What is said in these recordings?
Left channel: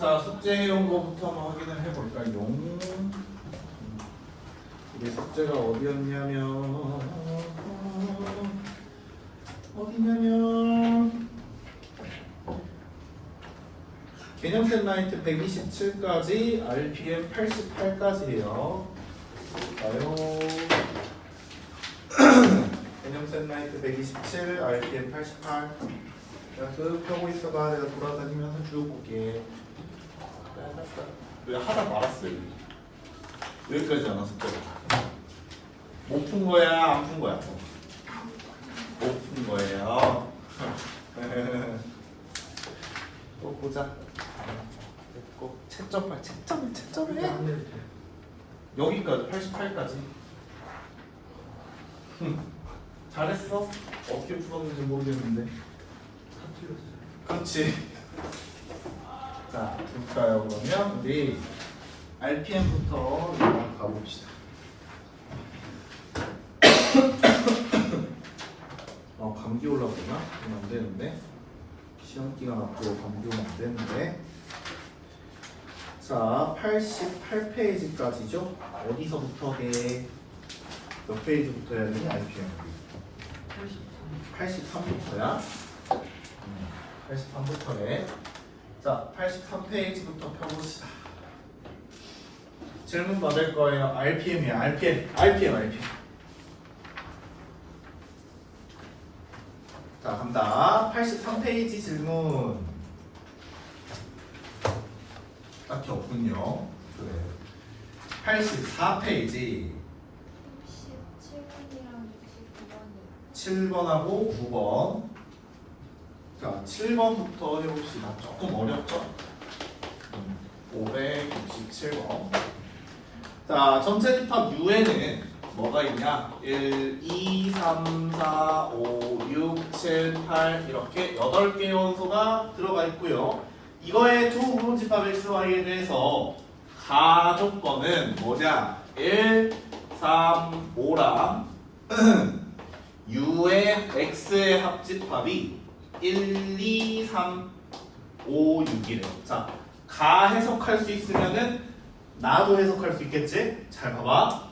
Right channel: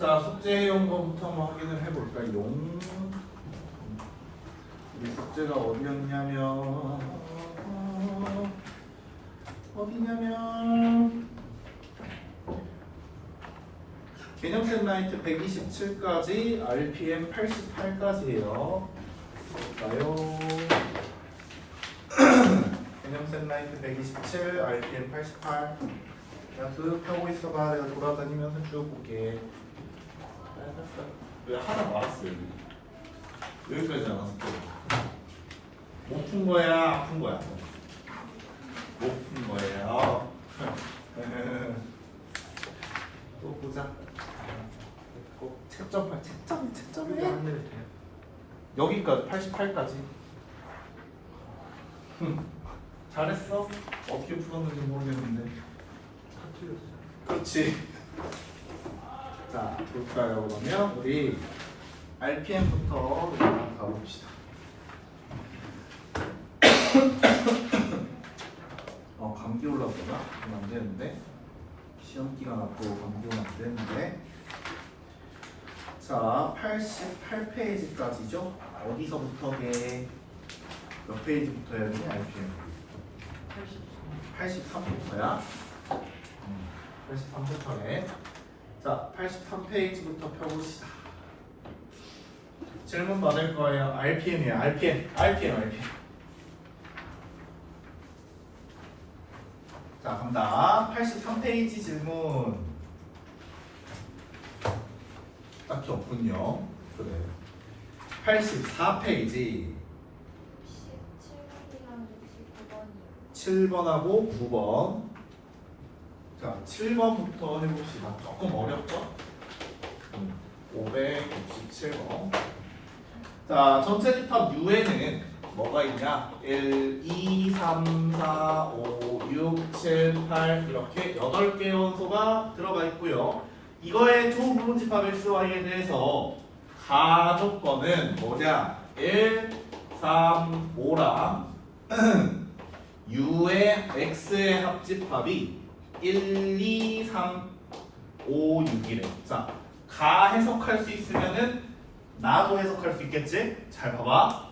자, 숙제해온 거부터 한번 확인을 해볼까요? 이게 숙제가 어디였냐면 개념 셋라이트 127까지 RPM 88까지예요. 볼까요? 개념 셋라이트 127 RPM 88. 자, 쓱 펴고 있어봐. 내가 돌아다니면서 쭉 볼게. 왜 하다 말았어요? 여기까지잖아, 숙제가. 못 푼 거야, 안 푼 거야? 못 푼 거예요. 또 보자. 꼭 채점을 해. 여기까지 88까지. 잘했어. 어떻게 풀었는지 모르겠는데. 그렇지. 자, 볼까요? 그러면 우리 RPM부터 가봅시다. 감기 올라오구나? 그러면 안 되는데. 시험 기간 앞으로 감기 오면 안 되는데. 자, 88페이지까지죠? 어디서부터 해? 몇 페이지부터 해야 되니? RPM 83부터야? 83부터 해. 자, 83페이지부터 펴봅시다. 질문 받을 거예요. RPM이야. RPM. 자, 간다. 83페이지 질문. 딱히 없군요. 그래. 84페이지. 7번하고 9번. 자, 7번부터 해봅시다. 조금 어렵죠? 567번. 자, 전체 집합 U에는 뭐가 있냐? 1, 2, 3, 4, 5, 6, 7, 8 이렇게 8개의 원소가 들어가 있고요. 이거의 두 부분 집합 XY에 대해서 가조건은 뭐냐? 1, 3, 5랑 U의 X의 합집합이 1, 2, 3, 5, 6이래. 자, 가 해석할 수 있으면은 나도 해석할 수 있겠지? 잘 봐봐.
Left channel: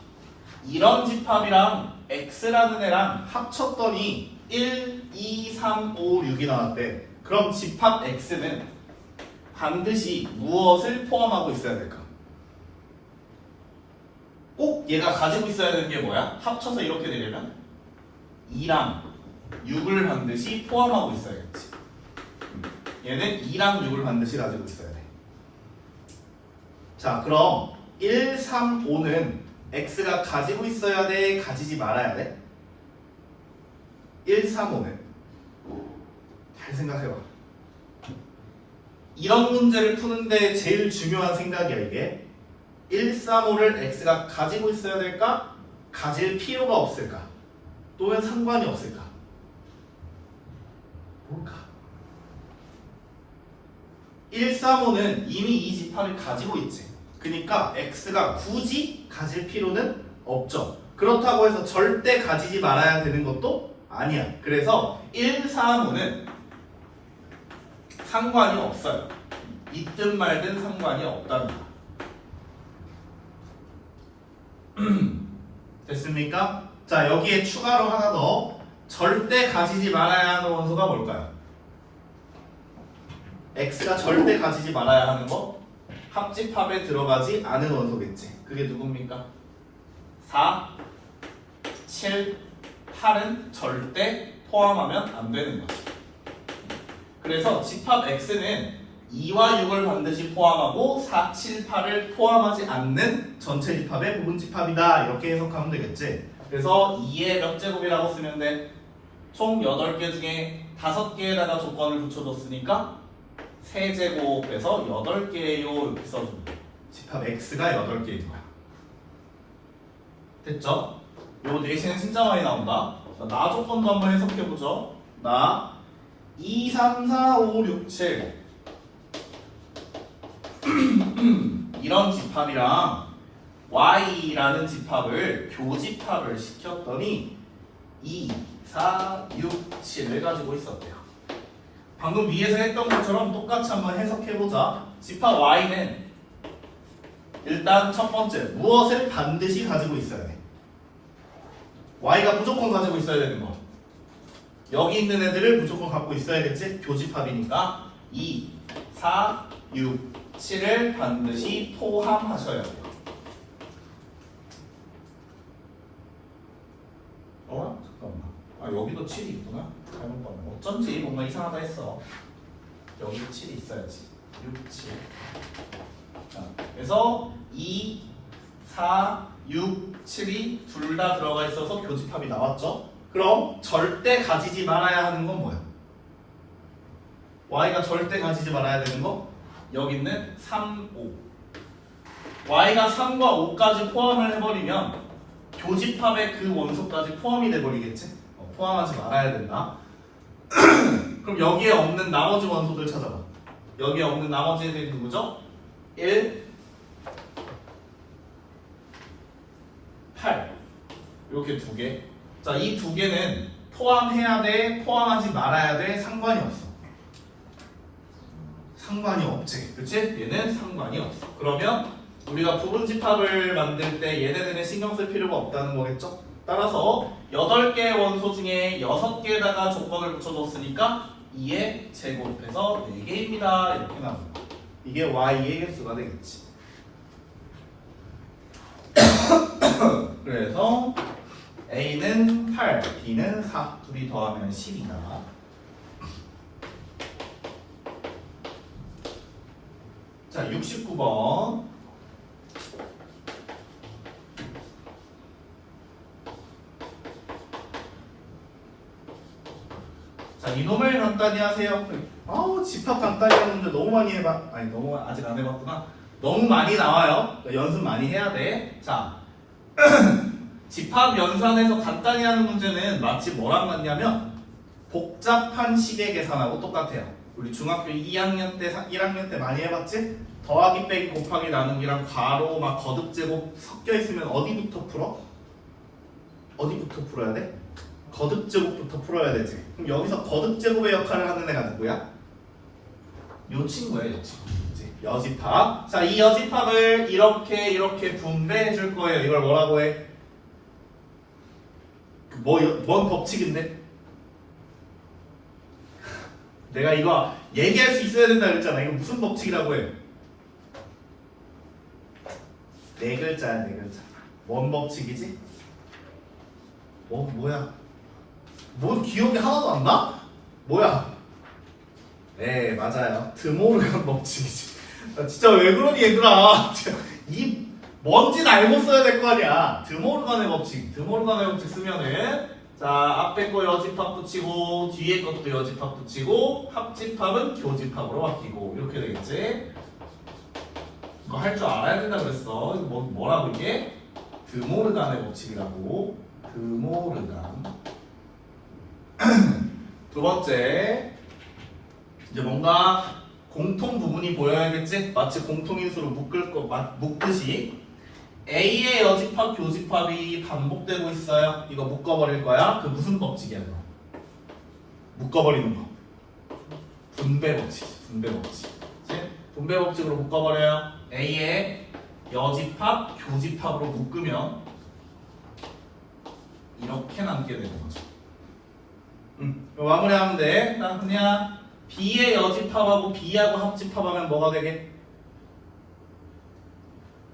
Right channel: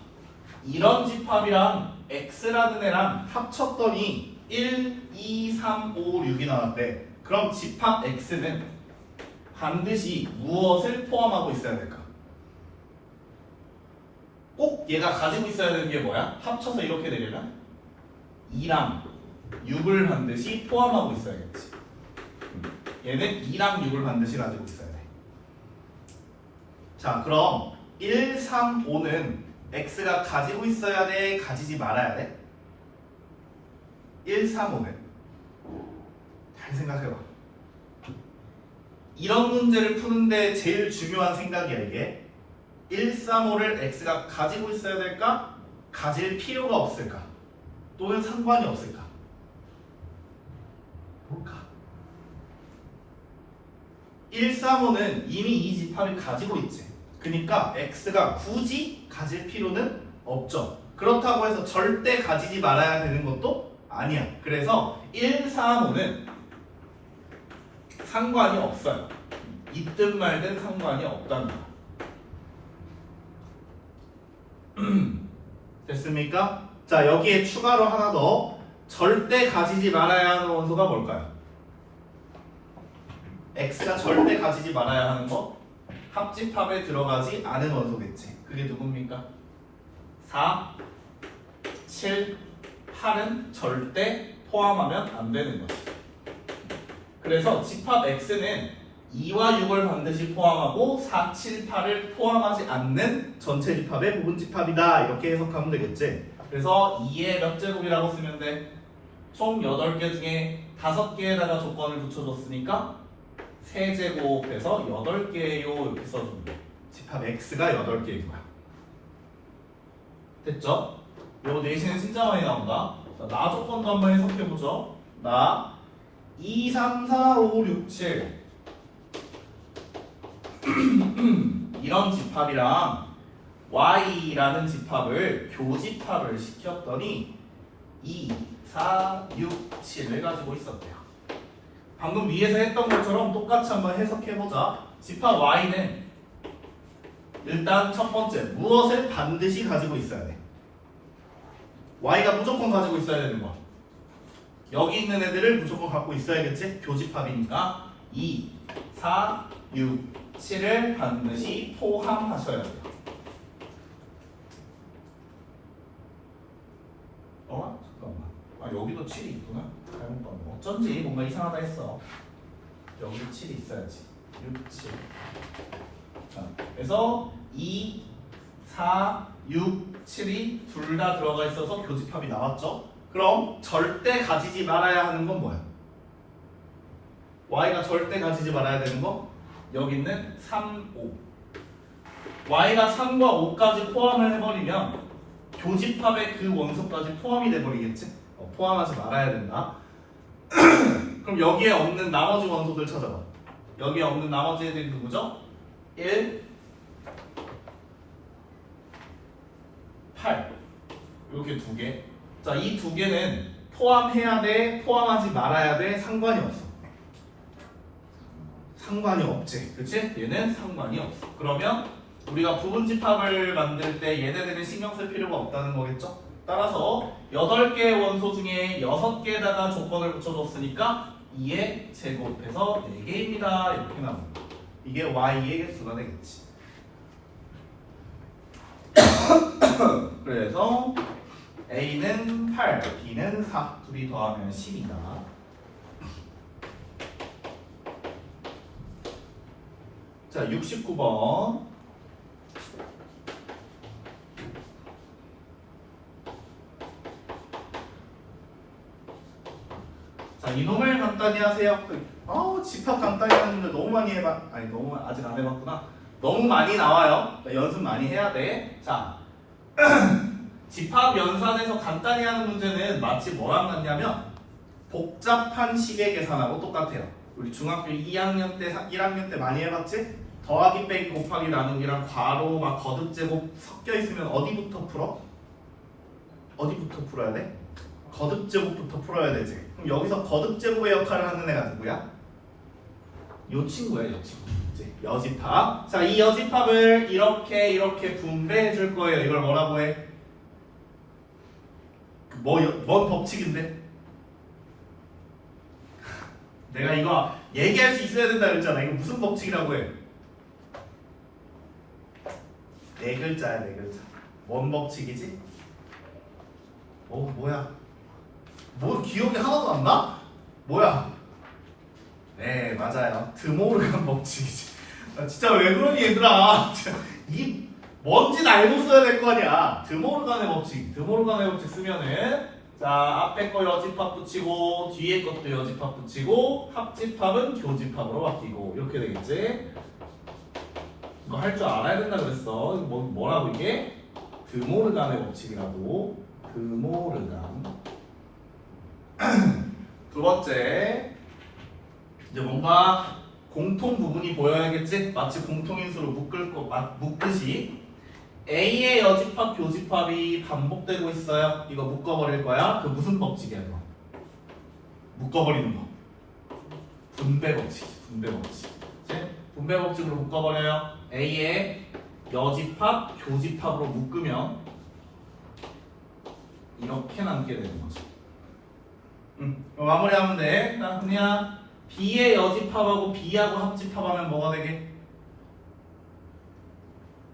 이런 집합이랑 X라는 애랑 합쳤더니 1, 2, 3, 5, 6이 나왔대. 그럼 집합 X는 반드시 무엇을 포함하고 있어야 될까? 꼭 얘가 가지고 있어야 되는 게 뭐야? 합쳐서 이렇게 되려면 2랑 6을 반드시 포함하고 있어야겠지. 얘는 2랑 6을 반드시 가지고 있어야 돼. 자, 그럼 1, 3, 5는 X가 가지고 있어야 돼? 가지지 말아야 돼? 1, 3, 5는 잘 생각해봐. 이런 문제를 푸는데 제일 중요한 생각이야 이게. 1, 3, 5를 X가 가지고 있어야 될까? 가질 필요가 없을까? 또는 상관이 없을까? 뭘까? 1, 3, 5는 이미 이 집합을 가지고 있지. 그러니까 X가 굳이 가질 필요는 없죠. 그렇다고 해서 절대 가지지 말아야 되는 것도 아니야. 그래서 1, 3, 5는 상관이 없어요. 있든 말든 상관이 없답니다. 됐습니까? 자, 여기에 추가로 하나 더. 절대 가지지 말아야 하는 원소가 뭘까요? X가 절대 가지지 말아야 하는 거? 합집합에 들어가지 않은 원소겠지. 그게 누굽니까? 4, 7, 8은 절대 포함하면 안 되는 거지. 그래서 집합 X는 2와 6을 반드시 포함하고 4, 7, 8을 포함하지 않는 전체 집합의 부분 집합이다. 이렇게 해석하면 되겠지. 그래서 2의 몇 제곱이라고 쓰면 돼? 총 8개 중에 5개에다가 조건을 붙여줬으니까 3제곱에서 8개예요. 이렇게 써주면 돼. 집합 X가 8개인 거야. 됐죠? 요 내세는 진짜 많이 나온다. 자, 나 조건도 한번 해석해보죠. 나 2, 3, 4, 5, 6, 7 이런 집합이랑 Y라는 집합을 교집합을 시켰더니 2, 4, 6, 7을 가지고 있었대요. 방금 위에서 했던 것처럼 똑같이 한번 해석해보자. 집합 Y는 일단 첫 번째 무엇을 반드시 가지고 있어야 돼? Y가 무조건 가지고 있어야 되는 거. 여기 있는 애들을 무조건 갖고 있어야겠지? 교집합이니까 2, 4, 6, 7을 반드시 포함하셔야 돼요. 잠깐만. 여기도 7이 있구나. 잘못 봤네. 어쩐지 뭔가 이상하다 했어. 여기도 7이 있어야지. 6, 7. 자, 그래서 2, 4, 6, 7이 둘 다 들어가 있어서 교집합이 나왔죠? 그럼 절대 가지지 말아야 하는 건 뭐야? Y가 절대 가지지 말아야 되는 거? 여기 있는 3, 5. Y가 3과 5까지 포함을 해버리면 교집합의 그 원소까지 포함이 돼버리겠지? 포함하지 말아야 된다. 그럼 여기에 없는 나머지 원소들 찾아봐. 여기에 없는 나머지 애들이 누구죠? 1, 8 이렇게 두 개. 자, 이 두 개는 포함해야 돼, 포함하지 말아야 돼, 상관이 없어. 상관이 없지, 그렇지? 얘는 상관이 없어. 그러면 우리가 부분집합을 만들 때 얘네들은 신경 쓸 필요가 없다는 거겠죠? 따라서 8개의 원소 중에 6개에다가 조건을 붙여줬으니까 2의 제곱해서 4개입니다. 이렇게 나옵니다. 이게 Y의 개수가 되겠지. 그래서 A는 8, B는 4, 둘이 더하면 10이다. 자, 69번. 자, 이놈을 간단히 하세요. 집합 간단히 하는 문제 너무 많이 해봐. 아니, 너무 아직 안 해봤구나. 너무 많이 나와요. 그러니까 연습 많이 해야 돼. 자, 집합 연산에서 간단히 하는 문제는 마치 뭐랑 같냐면 복잡한 식의 계산하고 똑같아요. 우리 중학교 2학년 때, 1학년 때 많이 해봤지? 더하기 빼기 곱하기 나누기랑 괄호 막 거듭 제곱 섞여 있으면 어디부터 풀어? 어디부터 풀어야 돼? 거듭 제곱부터 풀어야 되지. 그럼 여기서 거듭 제곱의 역할을 하는 애가 누구야? 요 친구예요, 요 친구. 여집합. 자, 이 여집합을 이렇게 분배해 줄 거예요. 이걸 뭐라고 해? 뭔 법칙인데? 내가 이거 얘기할 수 있어야 된다 그랬잖아. 이거 무슨 법칙이라고 해? 네 글자야, 네 글자. 뭔 법칙이지? 뭐야? 뭐 기억이 하나도 안 나? 뭐야? 네, 맞아요. 드모르간 법칙이지. 나 진짜 왜 그러니 얘들아? 이 뭔지 알고 써야 될 거 아니야. 드모르간의 법칙. 드모르간의 법칙 쓰면은 자, 앞에 거 여집합 붙이고 뒤에 것도 여집합 붙이고 합집합은 교집합으로 바뀌고 이렇게 되겠지? 이거 할 줄 알아야 된다 그랬어. 이거 뭐라고 이게? 드모르간의 법칙이라고. 드모르간. 두 번째, 이제 뭔가 공통 부분이 보여야겠지? 마치 공통인수로 묶듯이 A의 여집합, 교집합이 반복되고 있어요. 이거 묶어버릴 거야. 그 무슨 법칙이야, 이거? 묶어버리는 거. 분배 법칙. 분배 법칙. 그치? 분배 법칙으로 묶어버려요. A의 여집합, 교집합으로 묶으면 이렇게 남게 되는 거죠. 마무리하면 돼. 나 그냥 B의 여집합하고 B하고 합집합하면 뭐가 되게?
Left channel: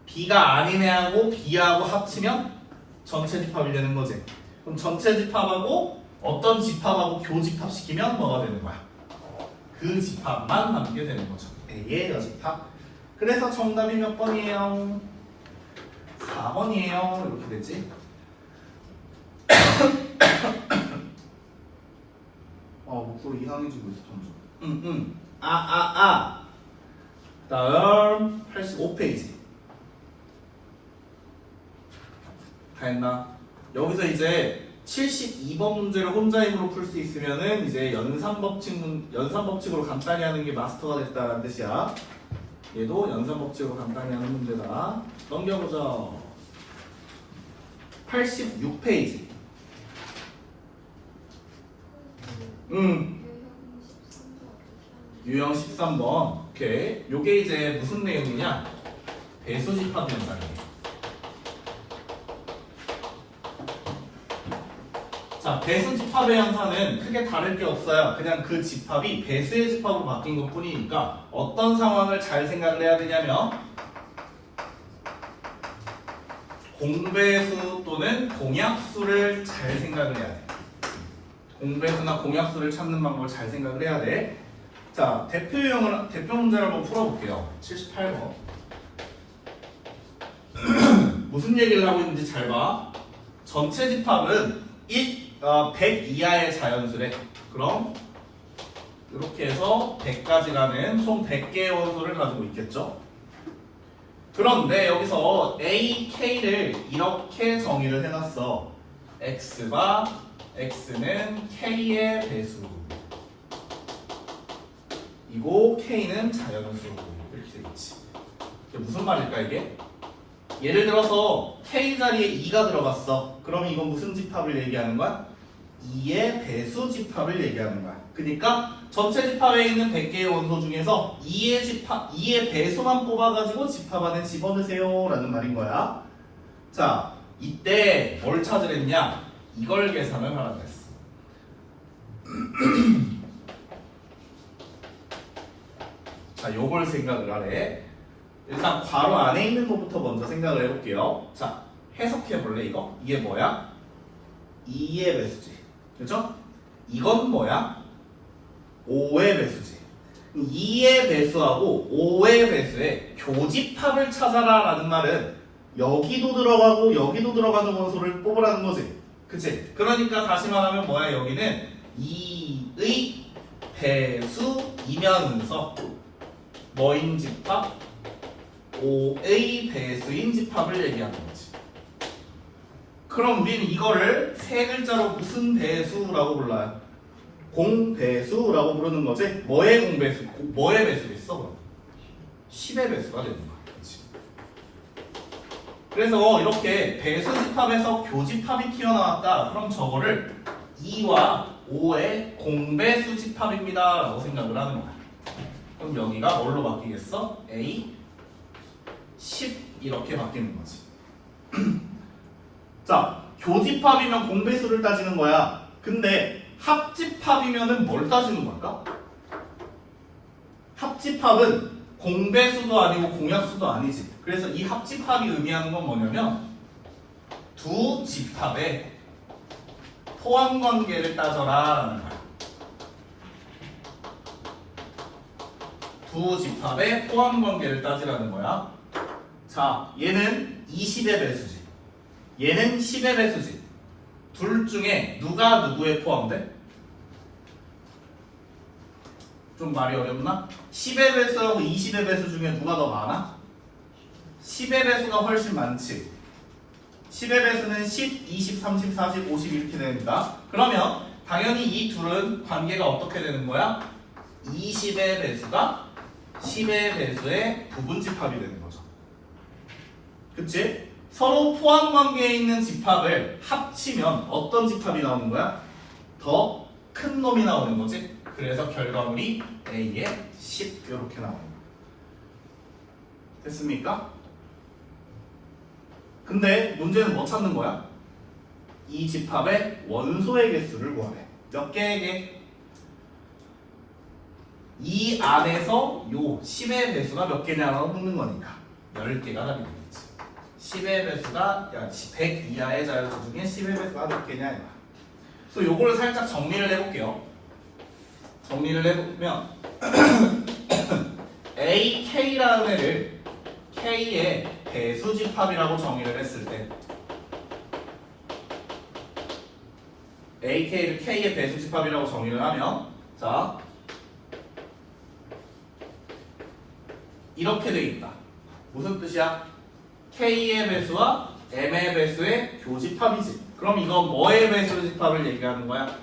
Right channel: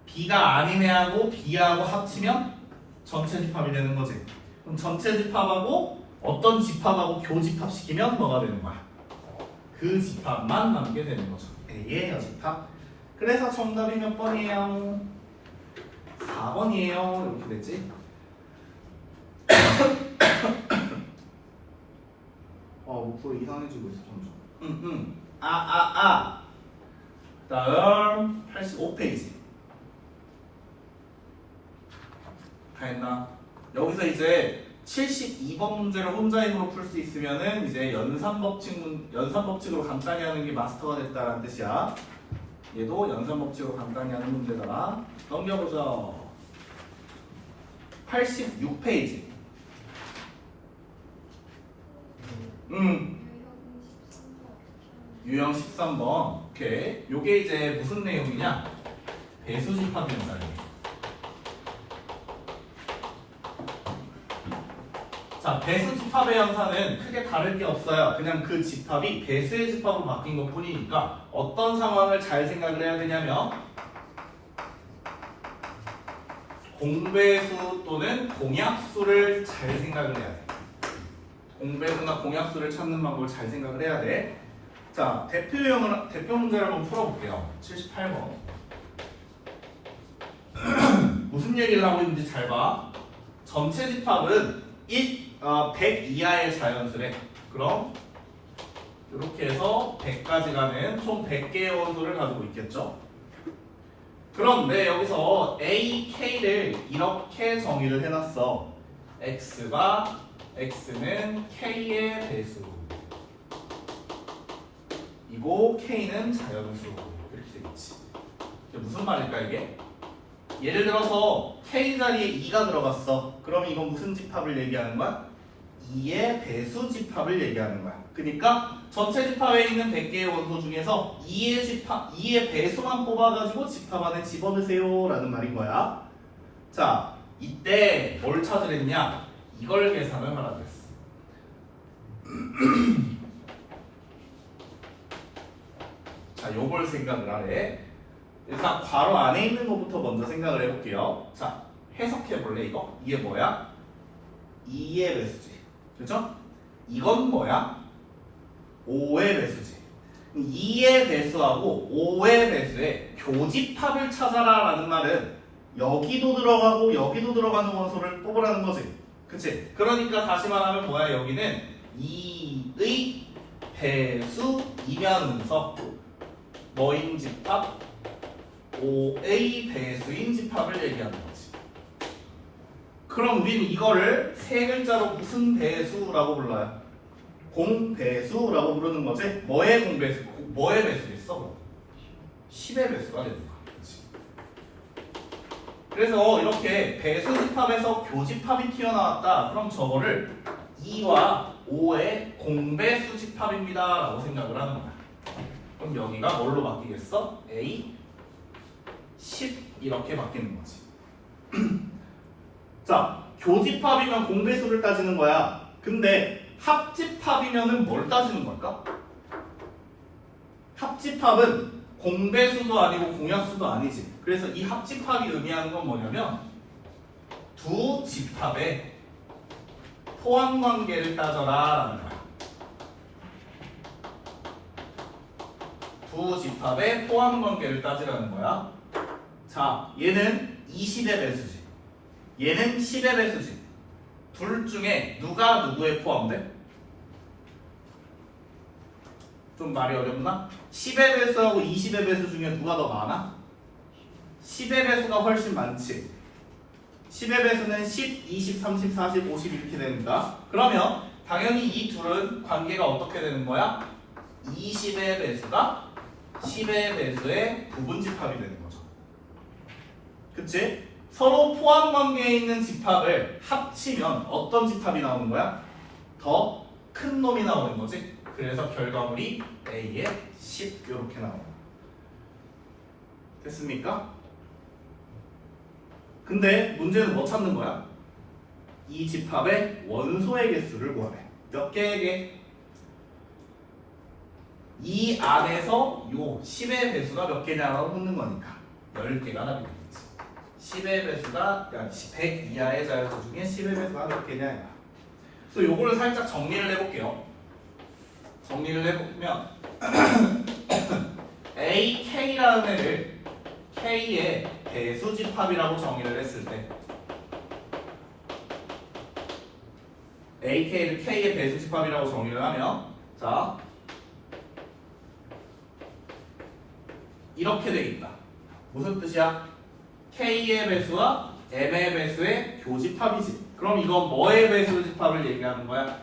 B가 아닌 애하고 B하고 합치면 전체 집합이 되는 거지. 그럼 전체 집합하고 어떤 집합하고 교집합 시키면 뭐가 되는 거야? 그 집합만 남게 되는 거죠. A의 여집합. 그래서 정답이 몇 번이에요? 4번이에요. 이렇게 되지. 목소리 이상해지고 있어 점점. 다음 85페이지. 다 했나? 여기서 이제 72번 문제를 혼자 힘으로 풀 수 있으면은 이제 연산법칙으로 간단히 하는 게 마스터가 됐다는 뜻이야. 얘도 연산법칙으로 간단히 하는 문제다. 넘겨보자. 86페이지. 유형 13번. 오케이. 요게 이제 무슨 내용이냐? 배수 집합 현상이에요. 자, 배수 집합의 현상은 크게 다를 게 없어요. 그냥 그 집합이 배수의 집합으로 바뀐 것 뿐이니까 어떤 상황을 잘 생각을 해야 되냐면 공배수 또는 공약수를 잘 생각을 해야 돼. 공배수나 공약수를 찾는 방법을 잘 생각을 해야 돼. 자, 대표 문제를 한번 풀어볼게요. 78번. 무슨 얘기를 하고 있는지 잘 봐. 전체 집합은 100 이하의 자연수래. 그럼 이렇게 해서 100까지 가는 총 100개의 원소를 가지고 있겠죠. 그런데 여기서 A, K를 이렇게 정의를 해놨어. X는 K의 배수 이고 K는 자연수. 이렇게 되겠지. 이게 무슨 말일까 이게? 예를 들어서 K 자리에 2가 들어갔어. 그럼 이건 무슨 집합을 얘기하는 거야? 2의 배수 집합을 얘기하는 거야. 그러니까 전체 집합에 있는 100개의 원소 중에서 2의 배수만 뽑아가지고 집합 안에 집어넣으세요 라는 말인 거야. 자, 이때 뭘 찾으랬냐? 이걸 계산을 하라고 했어. 자, 요걸 생각을 하래. 일단 괄호 안에 있는 것부터 먼저 생각을 해볼게요. 자, 해석해볼래 이거? 이게 뭐야? 2의 배수지. 그렇죠? 이건 뭐야? 5의 배수지. 2의 배수하고 5의 배수의 교집합을 찾아라 라는 말은 여기도 들어가고 여기도 들어가는 원소를 뽑으라는 거지. 그치? 그러니까 다시 말하면 뭐야? 여기는 2의 배수이면서 뭐인 집합? 5의 배수인 집합을 얘기하는 거지. 그럼 우리는 이거를 세 글자로 무슨 배수라고 불러요? 공배수라고 부르는 거지. 뭐의 공배수? 뭐의 배수겠어? 10의 배수가 되는 거야. 그치? 그래서 이렇게 배수 집합에서 교집합이 튀어나왔다. 그럼 저거를 2와 5의 공배수 집합입니다 라고 생각을 하는 거야. 그럼 여기가 뭘로 바뀌겠어? A 10 이렇게 바뀌는 거지. 자, 교집합이면 공배수를 따지는 거야. 근데 합집합이면은 뭘 따지는 걸까? 합집합은 공배수도 아니고 공약수도 아니지. 그래서 이 합집합이 의미하는 건 뭐냐면 두 집합의 포함관계를 따져라라는 거야. 두 집합의 포함관계를 따지라는 거야. 자, 얘는 20의 배수지. 얘는 10의 배수지. 둘 중에 누가 누구에 포함돼? 좀 말이 어렵나? 10의 배수하고 20의 배수 중에 누가 더 많아? 10의 배수가 훨씬 많지. 10의 배수는 10, 20, 30, 40, 50 이렇게 됩니다. 그러면 당연히 이 둘은 관계가 어떻게 되는 거야? 20의 배수가 10의 배수의 부분집합이 되는 거죠. 그치? 서로 포함 관계에 있는 집합을 합치면 어떤 집합이 나오는 거야? 더 큰 놈이 나오는 거지. 그래서 결과물이 A의 10 이렇게 나오는 거야. 됐습니까? 근데 문제는 뭐 찾는 거야? 이 집합의 원소의 개수를 구하래. 몇 개의 개? 이 안에서 요 10의 배수가 몇 개냐라고 묻는 거니까 10개가 답이 되겠지. 10의 배수가 100 이하의 자연수 중에 10의 배수가 몇 개냐. 그래서 요거를 살짝 정리를 해볼게요. 정리를 해보면 A, K라는 애를 K의 배수집합이라고 정의를 했을 때 A, K를 K의 배수집합이라고 정의를 하면 자 이렇게 되겠다. 무슨 뜻이야? K의 배수와 M의 배수의 교집합이지. 그럼 이건 뭐의 배수집합을 얘기하는 거야?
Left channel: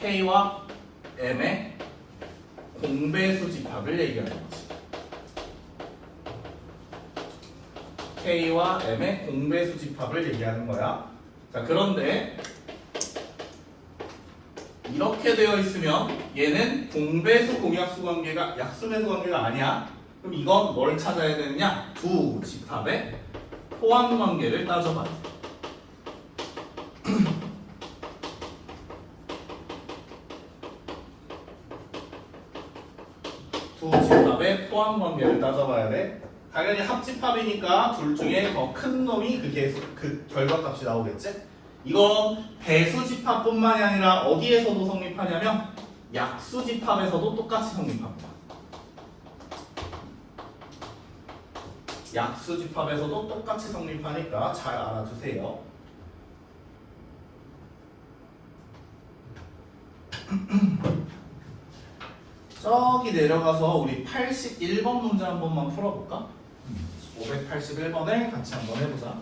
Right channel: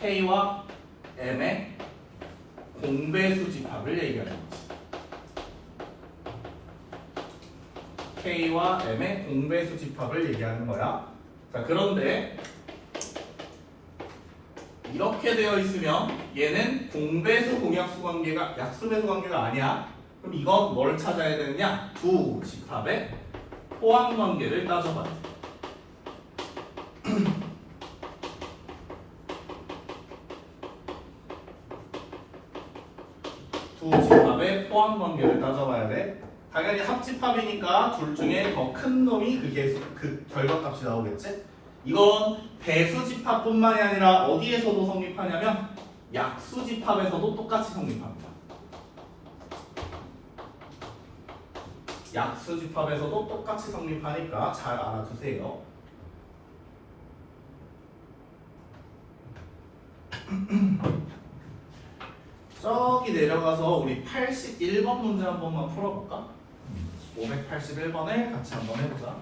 K와 M의 공배수집합을 얘기하는 거지. K와 M의 공배수집합을 얘기하는 거야. 자, 그런데 이렇게 되어 있으면 얘는 공배수 공약수 관계가 약수배수 관계가 아니야. 그럼 이건 뭘 찾아야 되느냐? 두 집합의 포함 관계를 따져봐야 돼. 두 집합의 포함 관계를 따져봐야 돼. 당연히 합집합이니까 둘 중에 더 큰 놈이 그 결과값이 나오겠지? 이건 배수집합뿐만이 아니라 어디에서도 성립하냐면 약수집합에서도 똑같이 성립합니다. 약수집합에서도 똑같이 성립하니까 잘 알아두세요. 저기 내려가서 우리 81번 문제 한 번만 풀어볼까? 581번에 같이 한번 해보자.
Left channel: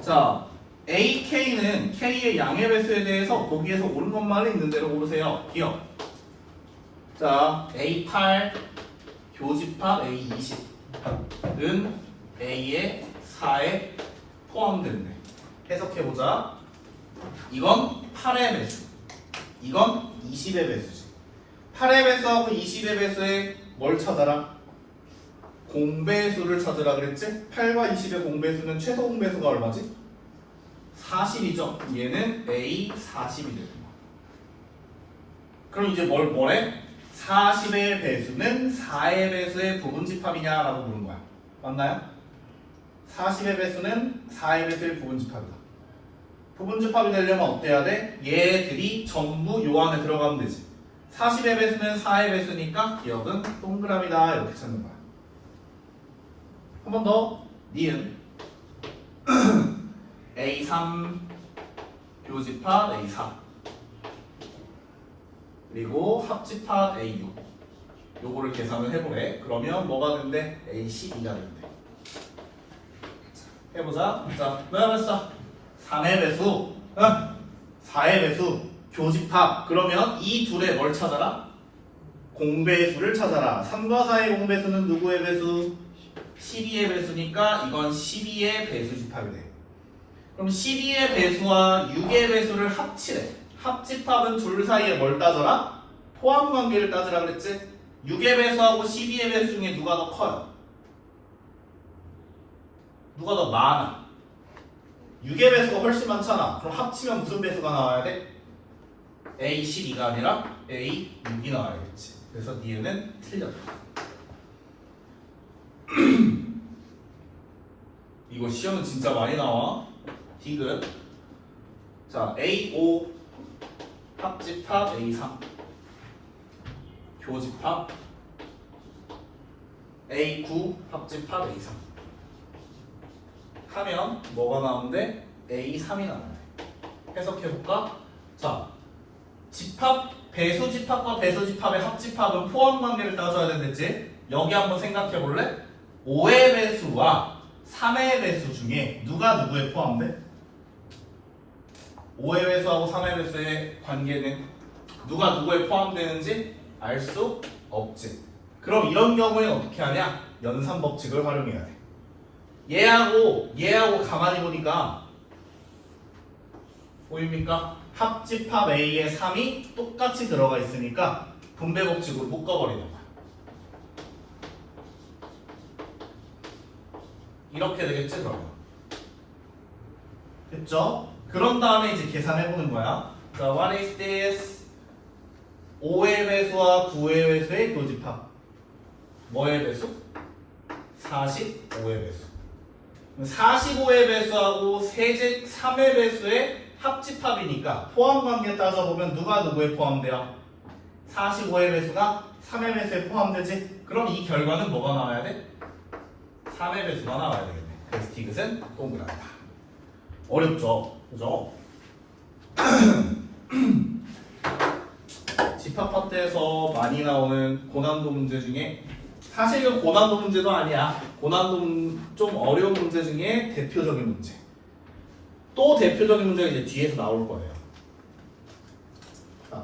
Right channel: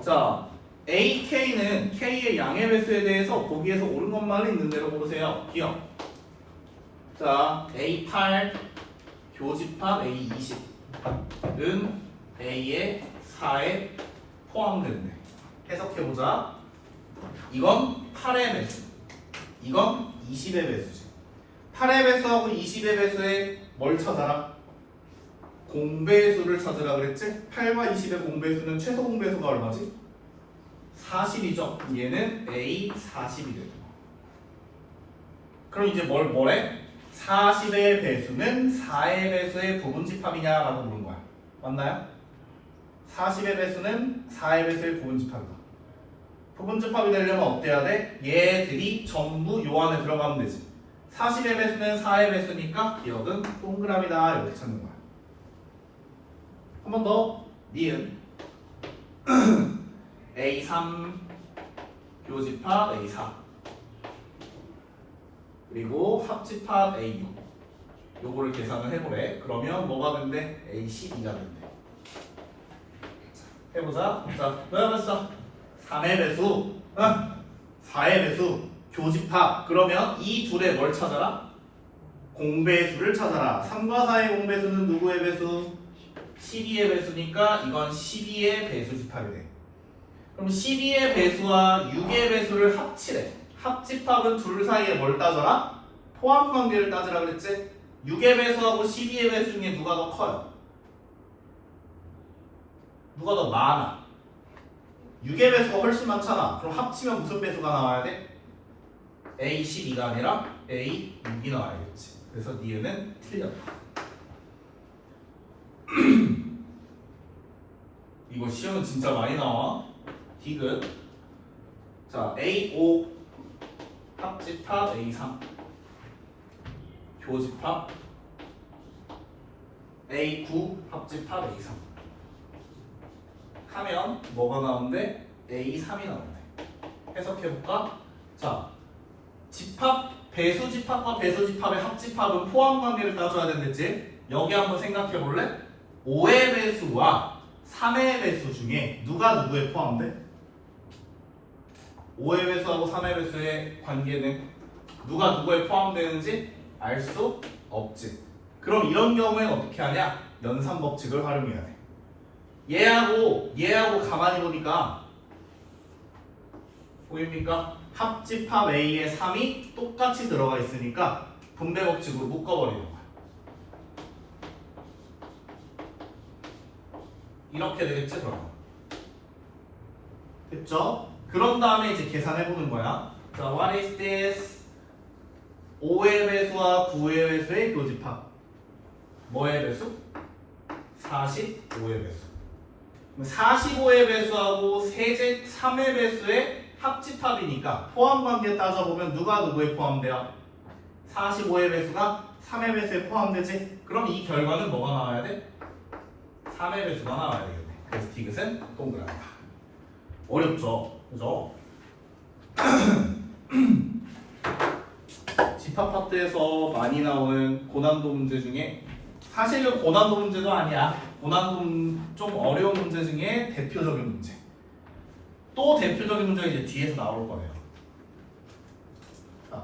자, AK는 K의 양의 배수에 대해서 거기에서 옳은 것만 있는 대로 고르세요. 기억. 자, A8 교집합 A20은 A의 4에 포함되는데 해석해보자. 이건 8의 배수, 이건 20의 배수지. 8의 배수하고 20의 배수에 뭘 찾아라? 공배수를 찾으라 그랬지? 8과 20의 공배수는 최소 공배수가 얼마지? 40이죠. 얘는 A40이 되는 거야. 그럼 이제 뭐래? 40의 배수는 4의 배수의 부분집합이냐라고 물은 거야. 맞나요? 40의 배수는 4의 배수의 부분집합이다. 부분집합이 되려면 어때야 돼? 얘들이 전부 요 안에 들어가면 되지. 40의 배수는 4의 배수니까 기억은 동그라미다 이렇게 찾는 거야. 한 번 더. 니은 A3 교집합 A4 그리고 합집합 A6 요거를 계산을 해보래. 그러면 뭐가 된대? A12가 된대. 해보자. 자, 뭐야 했어? 3의 배수, 4의 배수, 교집합. 그러면 이 둘의 뭘 찾아라? 공배수를 찾아라. 3과 4의 공배수는 누구의 배수? 12의 배수니까 이건 12의 배수집합이 돼. 그럼 12의 배수와 6의 배수를 합치래. 합집합은 둘 사이에 뭘 따져라? 포함 관계를 따지라 그랬지? 6의 배수하고 12의 배수 중에 누가 더 커요? 누가 더 많아? 6의 배수가 훨씬 많잖아. 그럼 합치면 무슨 배수가 나와야 돼? A12가 아니라 A6이 나와야겠지. 그래서 니은은 틀렸다. 이거 시험은 진짜 많이 나와. 디귿. 자, A5 합집합 A3 교집합 A9 합집합 A3 하면 뭐가 나오는데? A3이 나오네. 해석해볼까? 자, 집합, 배수집합과 배수집합의 합집합은 포함관계를 따져야 된댔지? 여기 한번 생각해볼래? 5의 배수와 3의 배수 중에 누가 누구에 포함돼? 5의 배수하고 3의 배수의 관계는 누가 누구에 포함되는지 알 수 없지. 그럼 이런 경우에는 어떻게 하냐? 연산법칙을 활용해야 돼. 얘하고 가만히 보니까 보입니까? 합집합 A의 3이 똑같이 들어가 있으니까 분배법칙으로 묶어버리는 거야. 이렇게 되겠지 그럼. 됐죠? 그런 다음에 이제 계산해보는 거야. 자, what is this? 5의 배수와 9의 배수의 교집합. 뭐의 배수? 45의 배수. 45의 배수하고 세제 3의 배수의 합집합이니까 포함관계 따져보면 누가 누구에 포함돼요? 45의 배수가 3의 배수에 포함되지? 그럼 이 결과는 뭐가 나와야 돼? 3의 배수가 나와야 되겠네. 그래서 디귿은 동그랗다. 어렵죠? 그죠? 집합학대에서 많이 나오는 고난도 문제 중에 사실은 고난도 문제도 아니야. 고난도 좀 어려운 문제 중에 대표적인 문제. 또 대표적인 문제가 이제 뒤에서 나올 거예요.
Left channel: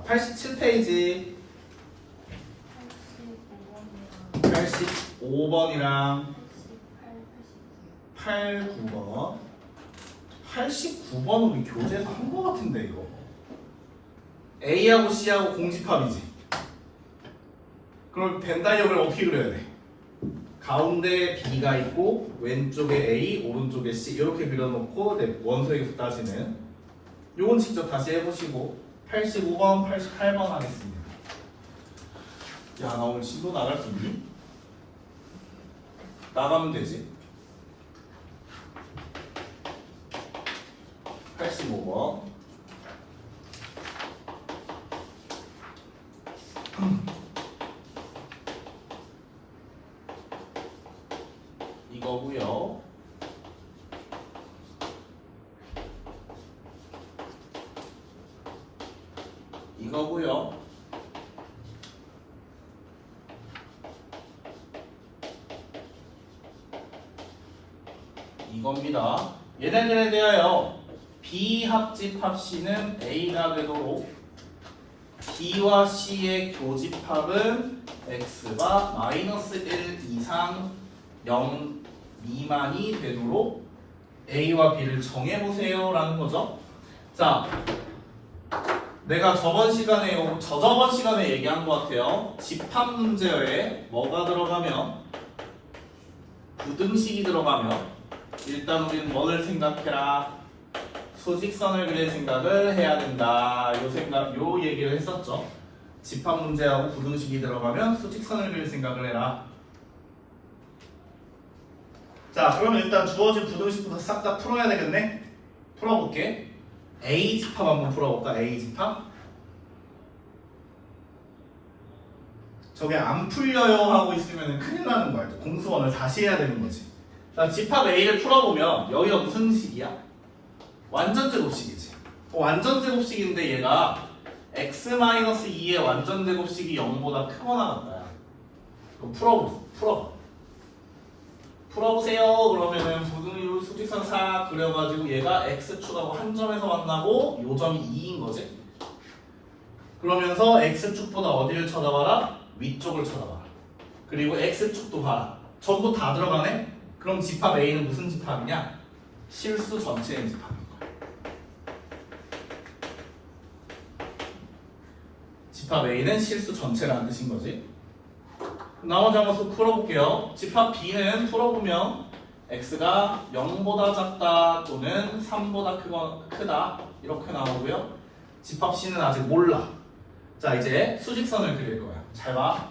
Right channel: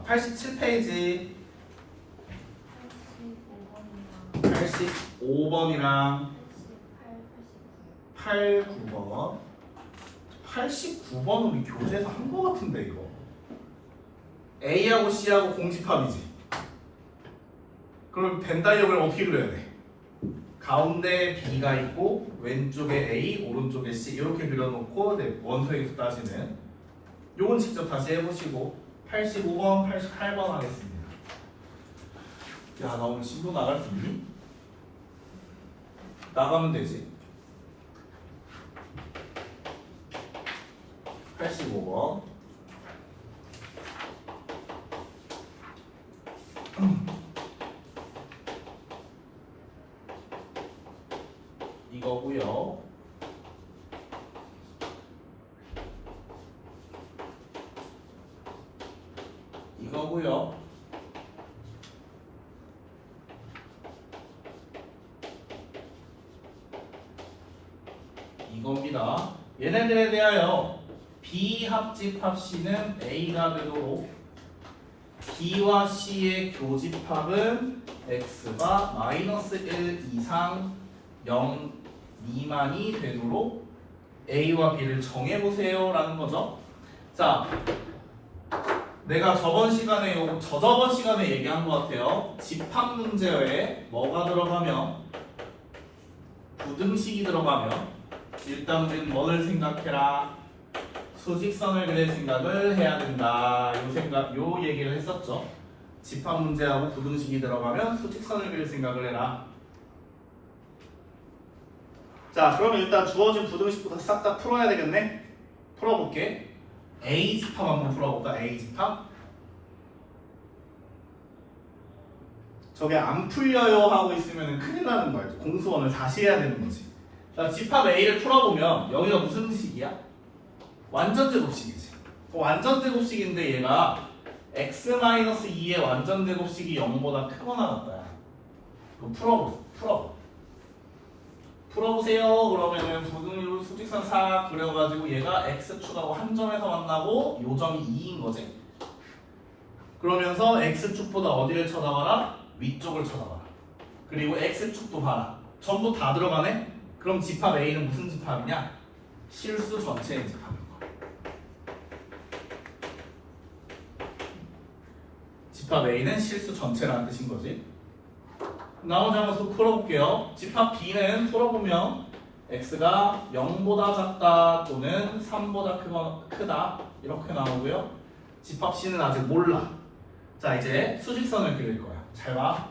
87페이지 85번이랑 89번 89번 우리 교재에서 한 거 같은데 이거. A하고 C하고 공집합이지. 그럼 벤 다이어그램 어떻게 그려야 돼? 가운데 B가 있고 왼쪽에 A, 오른쪽에 C 이렇게 그려놓고 원소의 수 따지는 요건 직접 다시 해보시고 85번, 88번 하겠습니다. 야, 나 오늘 신도 나갈 수 있니? 나가면 되지. 85번. 이거고요. 이거고요. 이겁니다. 얘네들에 대하여 B 합집합 C는 A가 되도록 B와 C의 교집합은 X가 -1 이상 0 미만이 되도록 A와 B를 정해보세요 라는 거죠. 자, 내가 저번 시간에 얘기한 것 같아요. 집합 문제에 뭐가 들어가면 부등식이 들어가면 일단 우리는 뭐를 생각해라? 수직선을 그릴 생각을 해야 된다. 요 얘기를 했었죠. 집합 문제하고 부등식이 들어가면 수직선을 그릴 생각을 해라. 자, 그러면 일단 주어진 부등식부터 싹 다 풀어야 되겠네? 풀어볼게. A 집합 한번 풀어볼까? A 집합. 저게 안 풀려요 하고 있으면 큰일 나는 거야. 공수원을 다시 해야 되는 거지. 자, 집합 A를 풀어보면 여기가 무슨 식이야? 완전 제곱식이지. 완전 제곱식인데 얘가 x-2의 완전 제곱식이 0보다 크거나 같다. 풀어보세요. 그러면은 부등식으로 수직선 싹 그려가지고 얘가 x축하고 한 점에서 만나고 요 점이 2인 거지. 그러면서 x축보다 어디를 쳐다봐라? 위쪽을 쳐다봐라. 그리고 x축도 봐라. 전부 다 들어가네? 그럼 집합 A는 무슨 집합이냐? 실수 전체의 집합인 거야. 집합 A는 실수 전체라는 뜻인 거지. 나머지 한번 또 풀어볼게요. 집합 B는 풀어보면 x가 0보다 작다 또는 3보다 크다 이렇게 나오고요. 집합 C는 아직 몰라. 자, 이제 수직선을 그릴 거야. 잘 봐.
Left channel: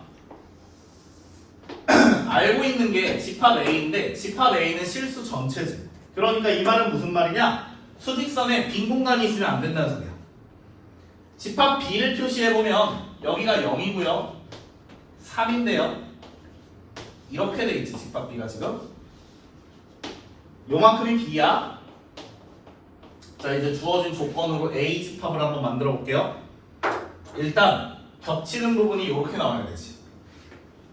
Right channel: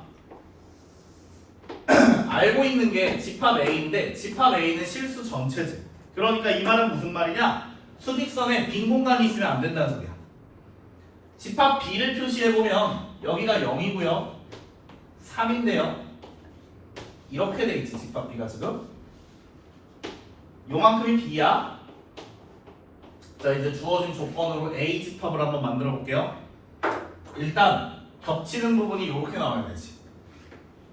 알고 있는 게 집합 A인데 집합 A는 실수 전체지. 그러니까 이 말은 무슨 말이냐? 수직선에 빈 공간이 있으면 안 된다는 소리야. 집합 B를 표시해보면 여기가 0이고요 3인데요 이렇게 돼 있지. 집합 B가 지금 요만큼이 B야. 자, 이제 주어진 조건으로 A 집합을 한번 만들어 볼게요. 일단 겹치는 부분이 이렇게 나와야 되지.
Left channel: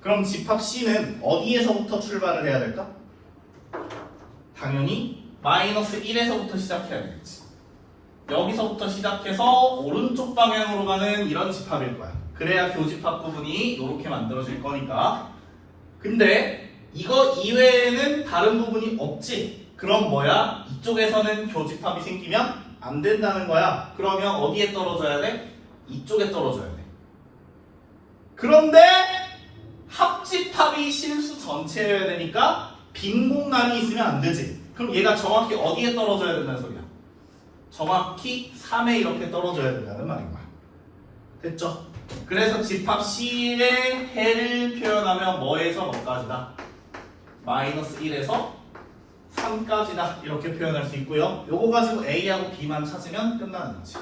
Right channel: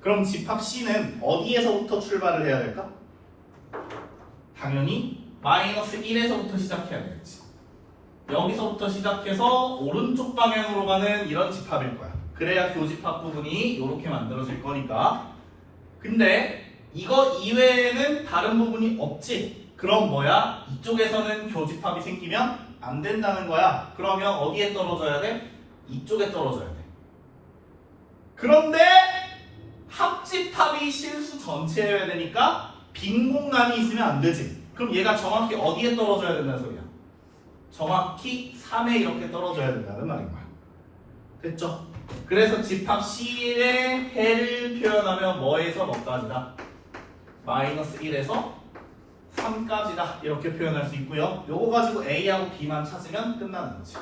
그럼 집합 C는 어디에서부터 출발을 해야 될까? 당연히 -1에서부터 시작해야 되겠지. 여기서부터 시작해서 오른쪽 방향으로 가는 이런 집합일 거야. 그래야 교집합 부분이 이렇게 만들어질 거니까. 근데 이거 이외에는 다른 부분이 없지. 그럼 뭐야? 이쪽에서는 교집합이 생기면 안 된다는 거야. 그러면 어디에 떨어져야 돼? 이쪽에 떨어져야 돼. 그런데 합집합이 실수 전체여야 되니까 빈 공간이 있으면 안 되지. 그럼 얘가 정확히 어디에 떨어져야 된다는 소리야? 정확히 3에 이렇게 떨어져야 된다는 말인 거야. 됐죠? 그래서 집합 C의 해를 표현하면 뭐에서 뭐까지다? -1에서 3까지다 이렇게 표현할 수 있고요. 요거 가지고 A하고 B만 찾으면 끝나는 거지.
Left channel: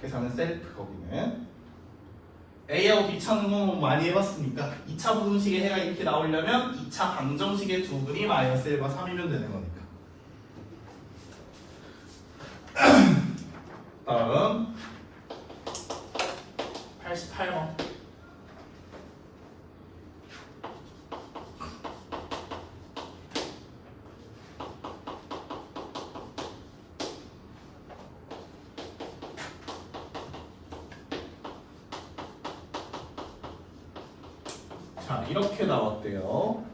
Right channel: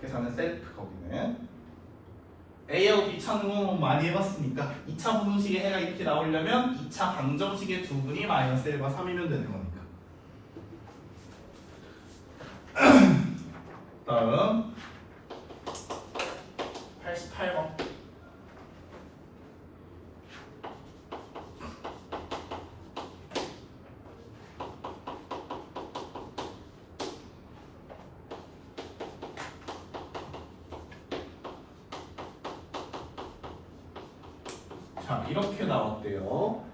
계산은 셀프. 거기는 A하고 B 찾는 건 많이 해봤으니까 2차 분식의 해가 이렇게 나오려면 2차 방정식의 두 근이 -1과 3이면 되는 거니까. 다음 88번. 자, 이렇게 나왔대요.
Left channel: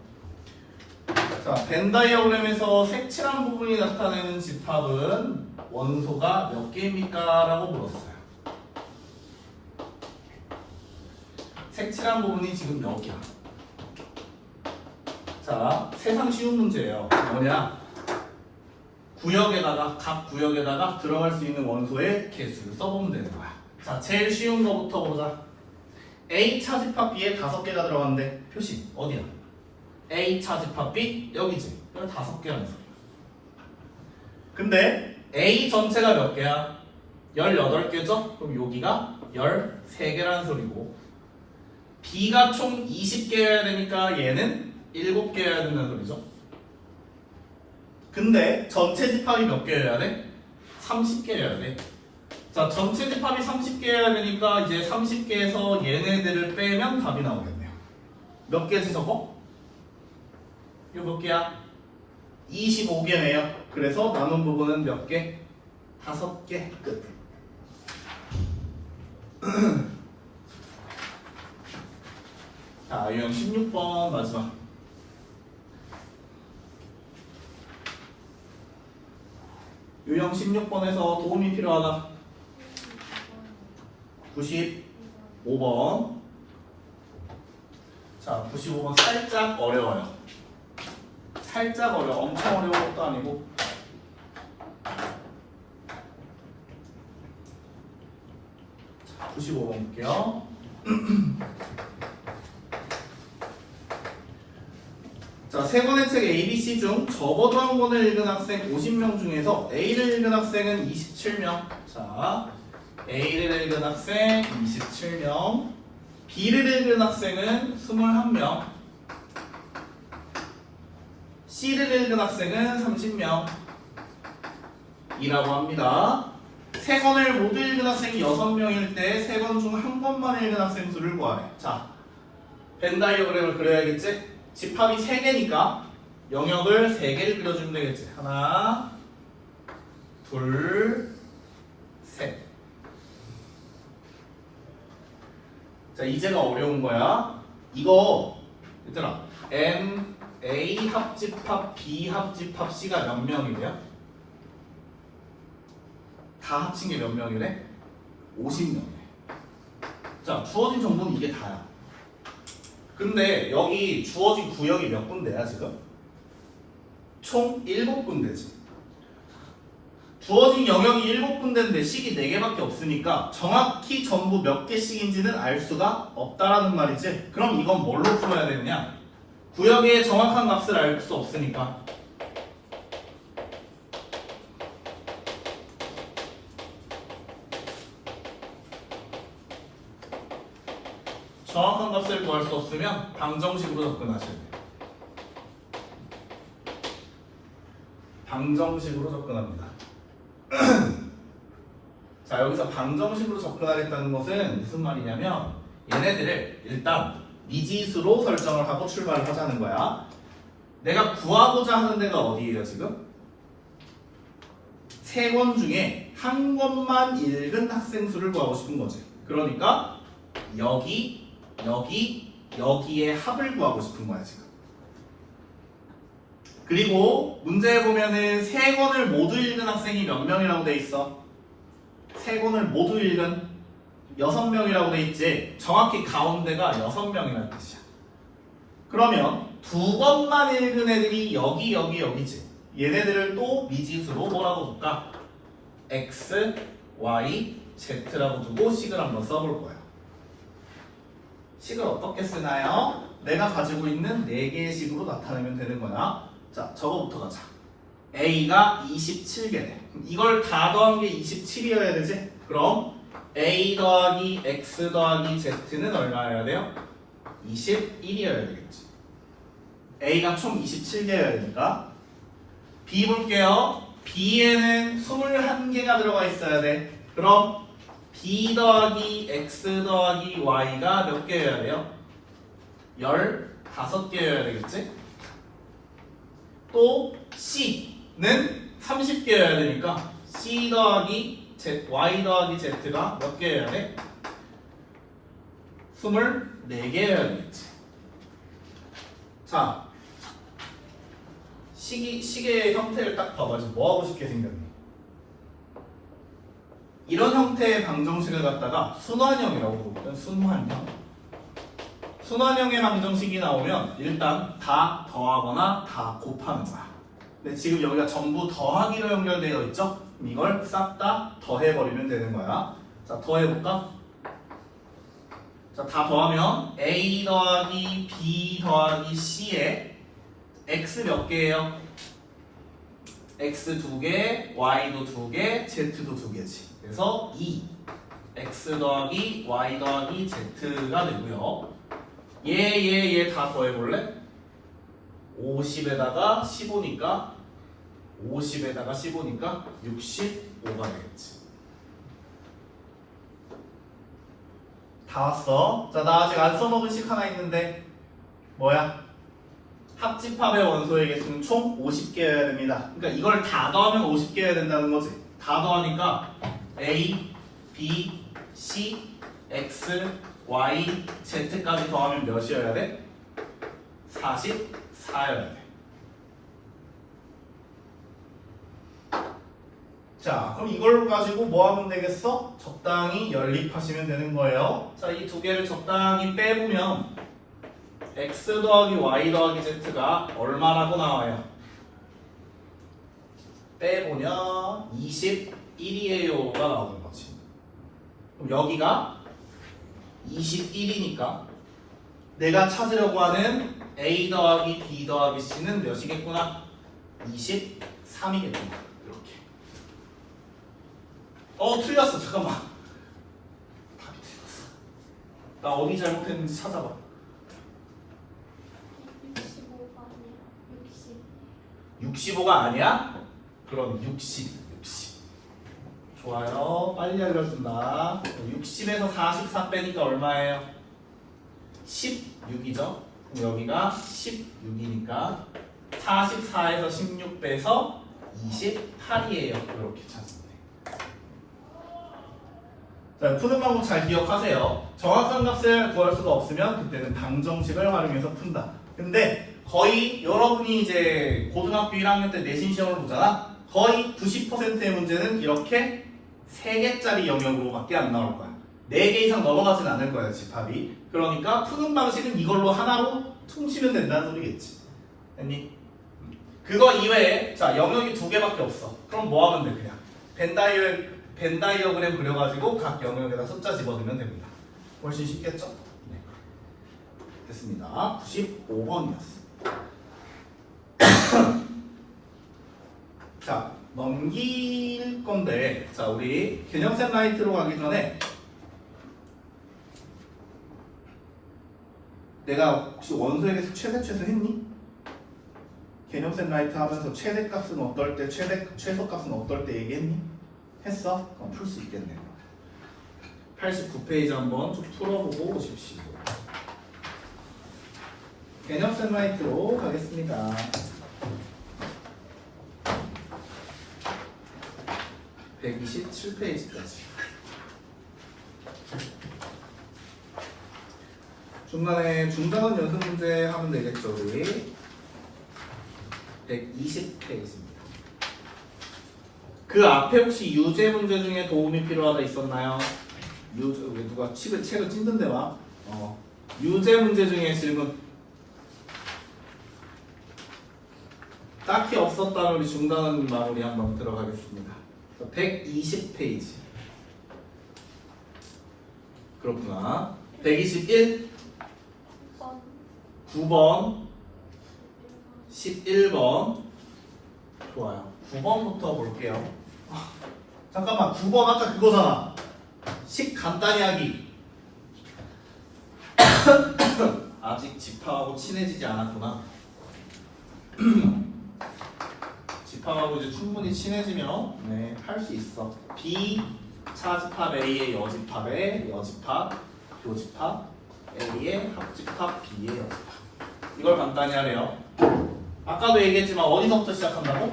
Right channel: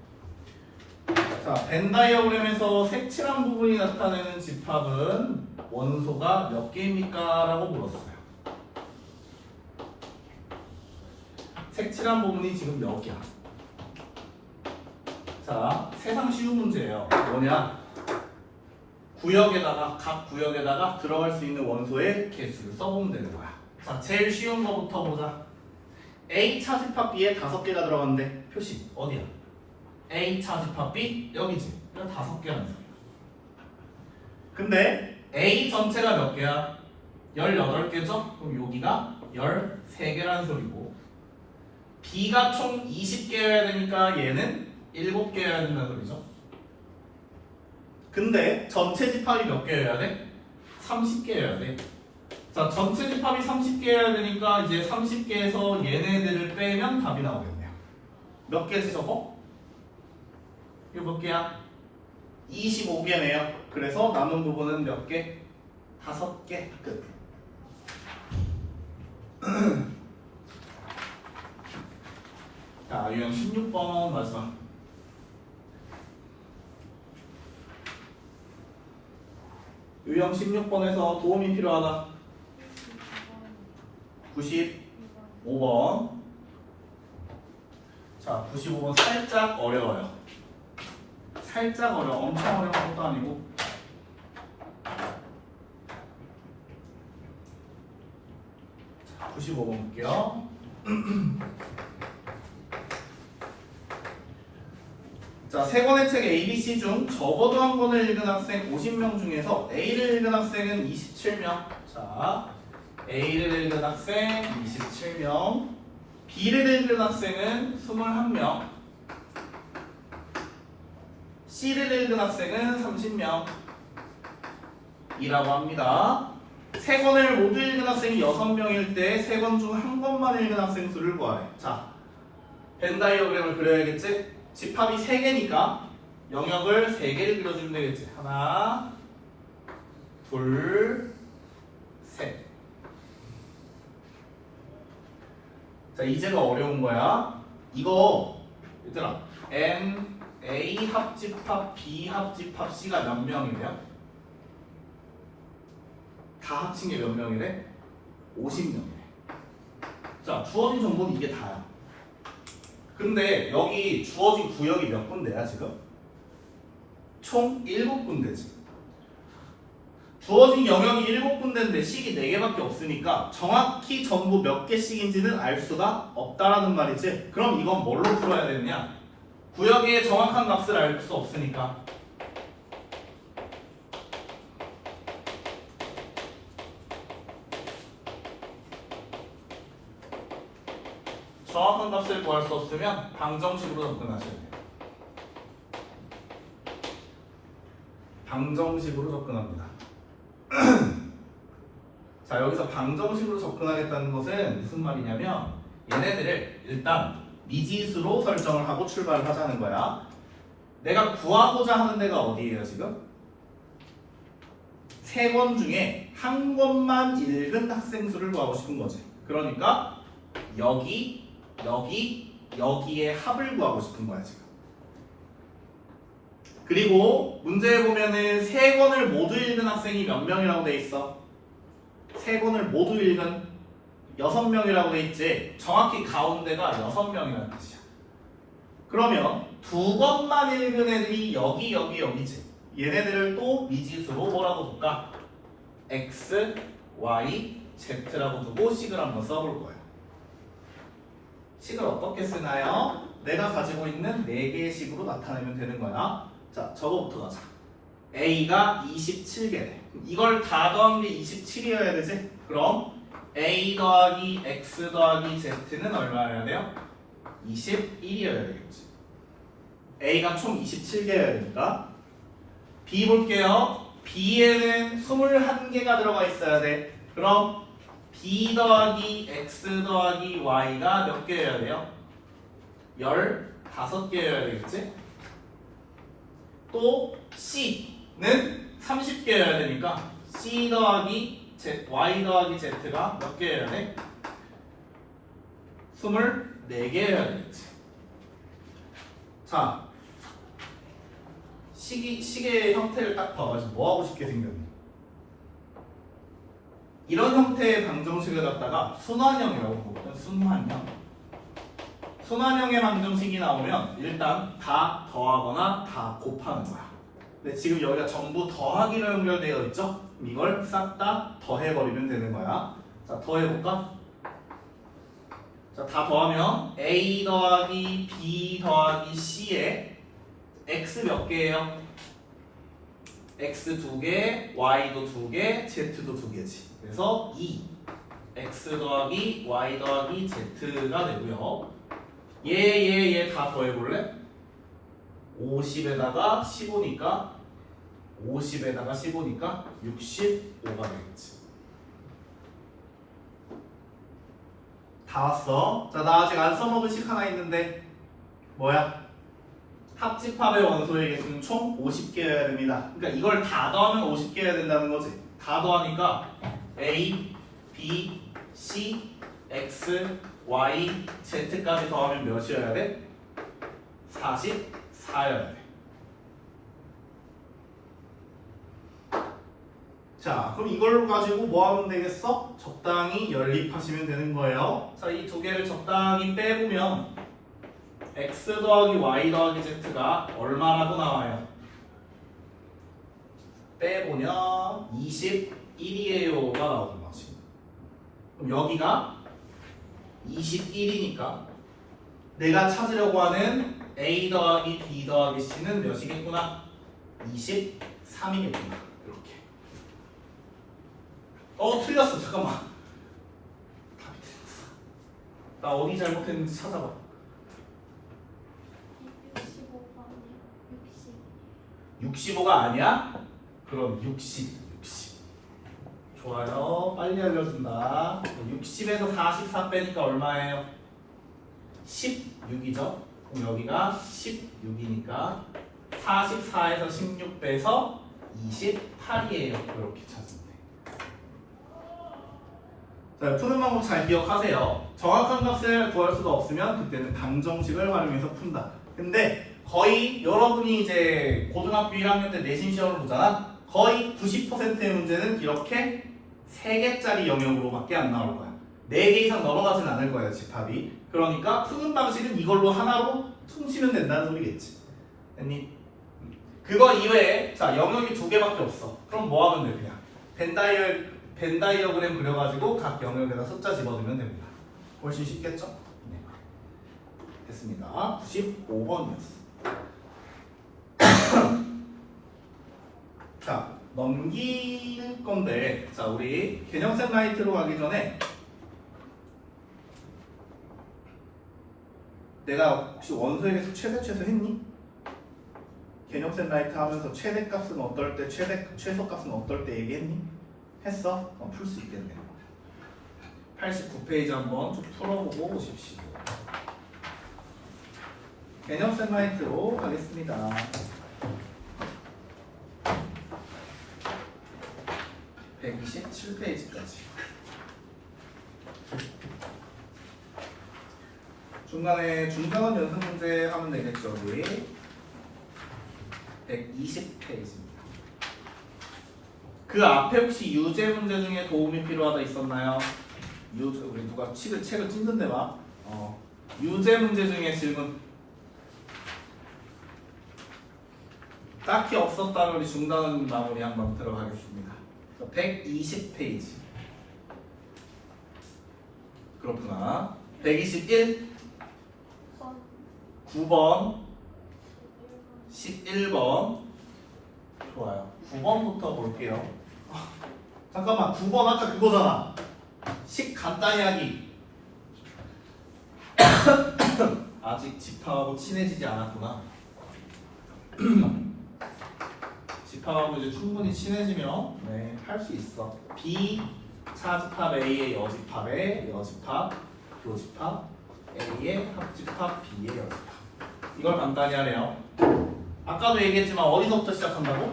자, 벤 다이어그램에서 색칠한 부분이 나타내는 집합은 원소가 몇 개입니까? 라고 물었어요. 색칠한 부분이 지금 몇 개야? 자, 세상 쉬운 문제예요. 뭐냐? 각 구역에다가 들어갈 수 있는 원소의 개수를 써보면 되는 거야. 자, 제일 쉬운 거부터 보자. A 차집합 B에 5개가 들어갔는데 표시 어디야? A 차집합 B 여기지. 여기 5개라는 소리야. 근데 A 전체가 몇 개야? 18개죠? 그럼 여기가 13개라는 소리고 B가 총 20개여야 되니까 얘는 7개여야 된다는 소리죠. 근데 전체 집합이 몇 개여야 돼? 30개여야 돼. 자, 전체 집합이 30개여야 되니까 이제 30개에서 얘네들을 빼면 답이 나오겠네요. 몇 개지 저거? 이거 몇 개야? 25개네요. 그래서 남은 부분은 몇 개? 5개. 끝. 자, 유형 16번 마지막. 유형 16번에서 도움이 필요하다. 95번. 자, 95번 살짝 어려워요. 살짝 어려워. 엄청 어려운 것도 아니고. 자, 95번 볼게요. 자, 세 권의 책 ABC 중 적어도 한 권을 읽은 학생 50명 중에서 A를 읽은 학생은 27명. 자, A를 읽은 학생 27명, B를 읽은 학생은 21명, C를 읽은 학생은 30명 이라고 합니다. 세 권을 모두 읽은 학생이 6명일 때 세 권 중 한 권만 읽은 학생 수를 구하래. 자, 벤 다이어그램을 그려야겠지? 집합이 3개니까 영역을 3개를 그려주면 되겠지. 하나, 둘, 셋. 자, 이제가 어려운 거야. 이거 얘들아, M, A 합집합, B 합집합, C가 몇 명이래요? 다 합친 게 몇 명이래? 50명이래. 자, 주어진 정보는 이게 다야. 근데 여기 주어진 구역이 몇 군데야 지금? 총 7군데지. 주어진 영역이 7군데인데 식이 4개밖에 없으니까 정확히 전부 몇 개씩인지는 알 수가 없다라는 말이지. 그럼 이건 뭘로 풀어야 되느냐? 구역의 정확한 값을 알 수 없으니까 정확한 값을 구할 수 없으면 방정식으로 접근하셔야 돼요. 방정식으로 접근합니다. 자, 여기서 방정식으로 접근하겠다는 것은 무슨 말이냐면 얘네들을 일단 미지수로 설정을 하고 출발을 하자는 거야. 내가 구하고자 하는 데가 어디예요 지금? 3권 중에 한 권만 읽은 학생 수를 구하고 싶은 거지. 그러니까 여기, 여기, 여기에 합을 구하고 싶은 거야 지금. 그리고 문제에 보면은 3권을 모두 읽은 학생이 몇 명이라고 돼 있어? 3권을 모두 읽은 6명이라고 돼 있지. 정확히 가운데가 6명이라는 뜻이야. 그러면 2권만 읽은 애들이 여기, 여기, 여기지. 얘네들을 또 미지수로 뭐라고 볼까? X, Y, Z라고 두고 식을 한번 써볼 거예요. 식을 어떻게 쓰나요? 내가 가지고 있는 4개의 식으로 나타내면 되는 거야. 자, 저거부터 가자. A가 27개래. 이걸 다 더한 게 27이어야 되지? 그럼 A 더하기 X 더하기 Z는 얼마여야 돼요? 21이어야 되겠지. A가 총 27개여야 되니까. B 볼게요. B에는 21개가 들어가 있어야 돼. 그럼 B 더하기 X 더하기 Y가 몇 개여야 돼요? 15개여야 되겠지? 또 C는 30개여야 되니까 C 더하기 Z, Y 더하기 Z가 몇 개여야 돼? 24개여야 되겠지. 자, 시계의 형태를 딱 봐가지고 뭐 하고 싶게 생겼니? 이런 형태의 방정식을 갖다가 순환형이라고 보거든. 순환형의 방정식이 나오면 일단 다 더하거나 다 곱하는 거야. 근데 지금 여기가 전부 더하기로 연결되어 있죠? 이걸 싹 다 더해버리면 되는 거야. 자, 더해볼까? 자, 다 더하면 A 더하기 B 더하기 C에 X 몇 개예요? X 2개, Y도 2개, Z도 2개지. 그래서 2 X 더하기 Y 더하기 Z가 되고요. 얘 다 더해볼래? 50에다가 15니까 50에다가 15니까 65가 되겠지. 다 왔어. 자, 나 아직 안 써먹은 식 하나 있는데 뭐야? 합집합의 원소의 개수는 총 50개여야 됩니다. 그러니까 이걸 다 더하면 50개여야 된다는 거지. 다 더하니까 A, B, C, X, Y, Z까지 더하면 몇이어야 돼? 44여야 돼. 자, 그럼 이걸 가지고 뭐 하면 되겠어? 적당히 연립하시면 되는 거예요. 자, 이 두 개를 적당히 빼보면 X 더하기 Y 더하기 Z가 얼마라고 나와요? 빼보면 21이에요가 나오는 거지. 그럼 여기가 21이니까 내가 찾으려고 하는 A 더하기 B 더하기 C는 몇이겠구나? 23이겠구나. 이렇게. 틀렸어. 잠깐만. 답이 틀렸어. 나 어디 잘못했는지 찾아봐. 65가 아니야? 그럼 60. 좋아요. 빨리 알려준다. 60에서 44 빼니까 얼마예요? 16이죠? 그럼 여기가 16이니까 44에서 16 빼서 28이에요. 이렇게 찾으면 돼. 자, 푸는 방법 잘 기억하세요. 정확한 값을 구할 수가 없으면 그때는 방정식을 활용해서 푼다. 근데 거의 여러분이 이제 고등학교 1학년 때 내신 시험을 보잖아. 거의 90%의 문제는 이렇게 3개짜리 영역으로밖에 안 나올 거야. 4개 이상 넘어가진 않을 거야, 집합이. 그러니까 푸는 방식은 이걸로 하나로 퉁치면 된다는 소리겠지. 됐니? 그거 이외에 자, 영역이 2개밖에 없어. 그럼 뭐 하면 돼? 그냥 벤 다이어그램 그려가지고 각 영역에다 숫자 집어넣으면 됩니다. 훨씬 쉽겠죠? 네. 됐습니다. 95번이었어. 자, 넘길 건데, 자, 우리 개념쌤 라이트로 가기 전에 내가 혹시 원소의 개수 최대 최소 했니? 개념쌤 라이트 하면서 최대값은 어떨 때, 최소값은 어떨 때 얘기했니? 했어? 그럼 풀 수 있겠네요. 89페이지 한번 쭉 풀어보고 오십시오. 개념쌤 라이트로 가겠습니다. 127페이지까지. 중간에 중간은 연습 문제 하면 되겠죠, 우리. 120페이지입니다. 그 앞에 혹시 유제 문제 중에 도움이 필요하다 있었나요? 우리 누가 책을 찢는데 막. 유제 문제 중에 질문 딱히 없었다면 우리 중단은 마무리 한번 들어가겠습니다. 120페이지. 그렇구나. 121, 9번, 11번. 좋아요. 9번부터 볼게요. 잠깐만, 9번 아까 그거잖아. 식 간단히 하기. 아직 집합하고 친해지지 않았구나. 집합하고 이제 충분히 친해지면 네, 할 수 있어. B 차집합 A의 여집합에 여집합, 교집합 A의 합집합 B의 여집합. 이걸 간단히 하래요. 아까도 얘기했지만 어디서부터 시작한다고?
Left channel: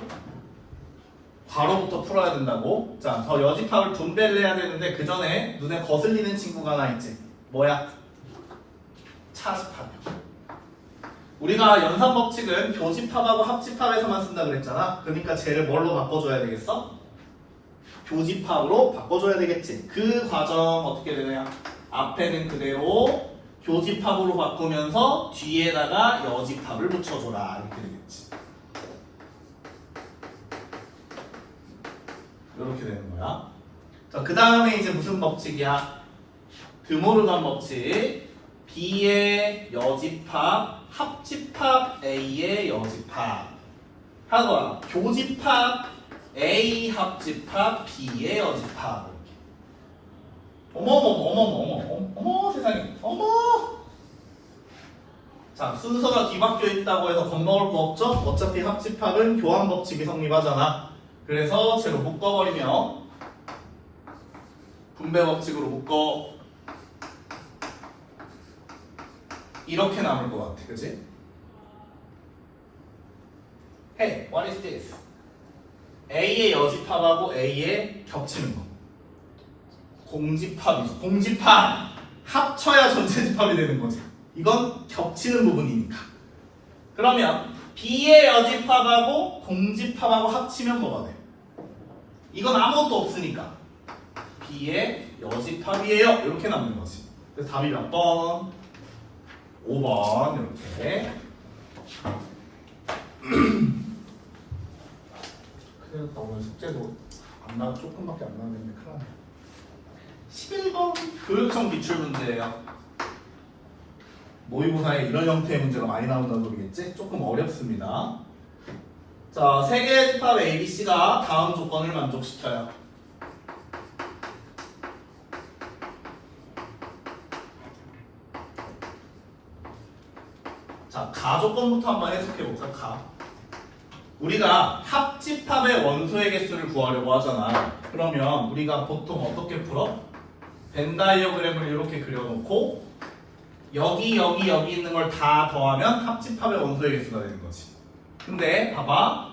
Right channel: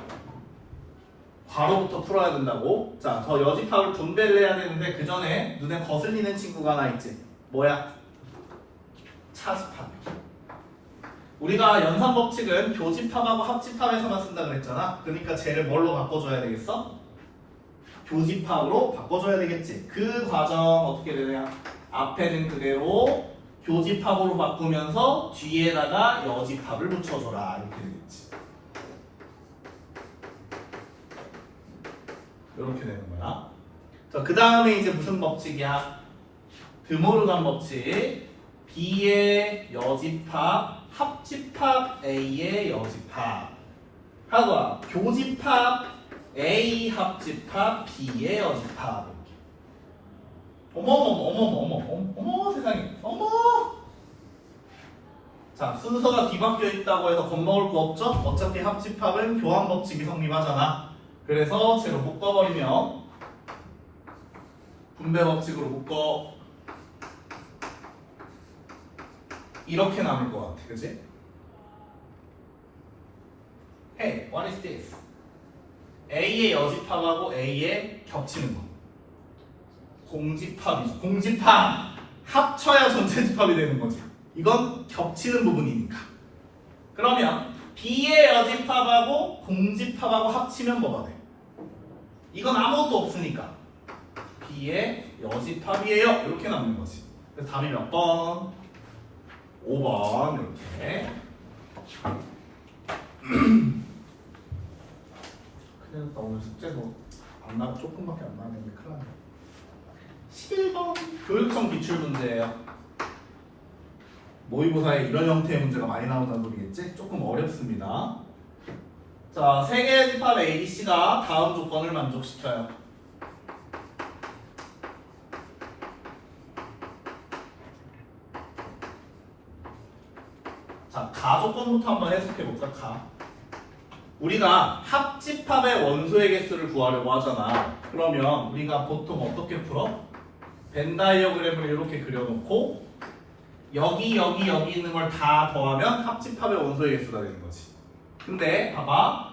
괄호부터 풀어야 된다고. 자, 저 여집합을 분배를 해야 되는데 그 전에 눈에 거슬리는 친구가 하나 있지. 뭐야? 차집합. 우리가 연산 법칙은 교집합하고 합집합에서만 쓴다 그랬잖아. 그러니까 쟤를 뭘로 바꿔줘야 되겠어? 교집합으로 바꿔줘야 되겠지. 그 과정 어떻게 되냐? 앞에는 그대로 교집합으로 바꾸면서 뒤에다가 여집합을 붙여줘라 이렇게 되겠지. 이렇게 되는 거야. 자, 그 다음에 이제 무슨 법칙이야? 드모르간 법칙. B의 여집합, 합집합 A의 여집합. 하고 교집합 A 합집합 B의 여집합. 어머 세상에 어머. 자, 순서가 뒤바뀌어 있다고 해서 겁먹을 거 없죠? 어차피 합집합은 교환 법칙이 성립하잖아. 그래서 쟤로 묶어버리면 분배 법칙으로 묶어 이렇게 남을 것 같아, 그치? Hey, what is this? A의 여집합하고 A의 겹치는 거. 공집합이죠. 공집합! 합쳐야 전체 집합이 되는 거지. 이건 겹치는 부분이니까. 그러면 B의 여집합하고 공집합하고 합치면 뭐가 돼? 이건 아무것도 없으니까 B의 여집합이에요. 이렇게 남는 거지. 그래서 답이 몇 번? 5번 이렇게. 그래서 오늘 숙제도 안 나, 조금밖에 안 나왔는데 큰일 나네. 11번 교육청 기출 문제예요. 모의고사에 이런 형태의 문제가 많이 나온다는 소리겠지? 조금 어렵습니다. 자, 세 개의 집합 ABC가 다음 조건을 만족시켜요. 자, 가 조건부터 한번 해석해볼까? 가. 우리가 합집합의 원소의 개수를 구하려고 하잖아. 그러면 우리가 보통 어떻게 풀어? 벤 다이어그램을 이렇게 그려놓고 여기 있는 걸 다 더하면 합집합의 원소의 개수가 되는 거지. 근데 봐봐,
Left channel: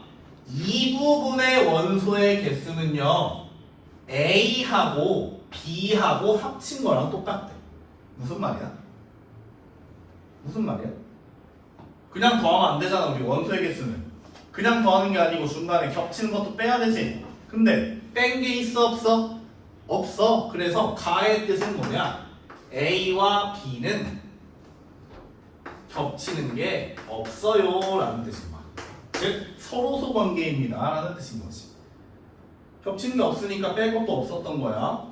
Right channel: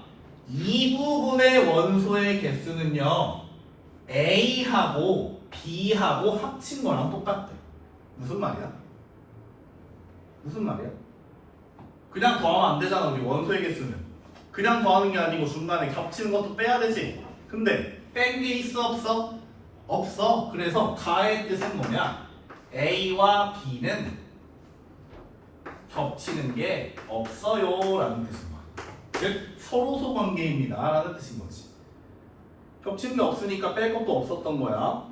이 부분의 원소의 개수는요 A하고 B하고 합친 거랑 똑같대. 무슨 말이야? 무슨 말이야? 그냥 더하면 안 되잖아. 우리 원소의 개수는 그냥 더하는 게 아니고 중간에 겹치는 것도 빼야 되지. 근데 뺀 게 있어 없어? 없어. 그래서 가의 뜻은 뭐냐? A와 B는 겹치는 게 없어요 라는 뜻인 거야. 즉 서로소 관계입니다 라는 뜻인 거지. 겹치는 게 없으니까 뺄 것도 없었던 거야.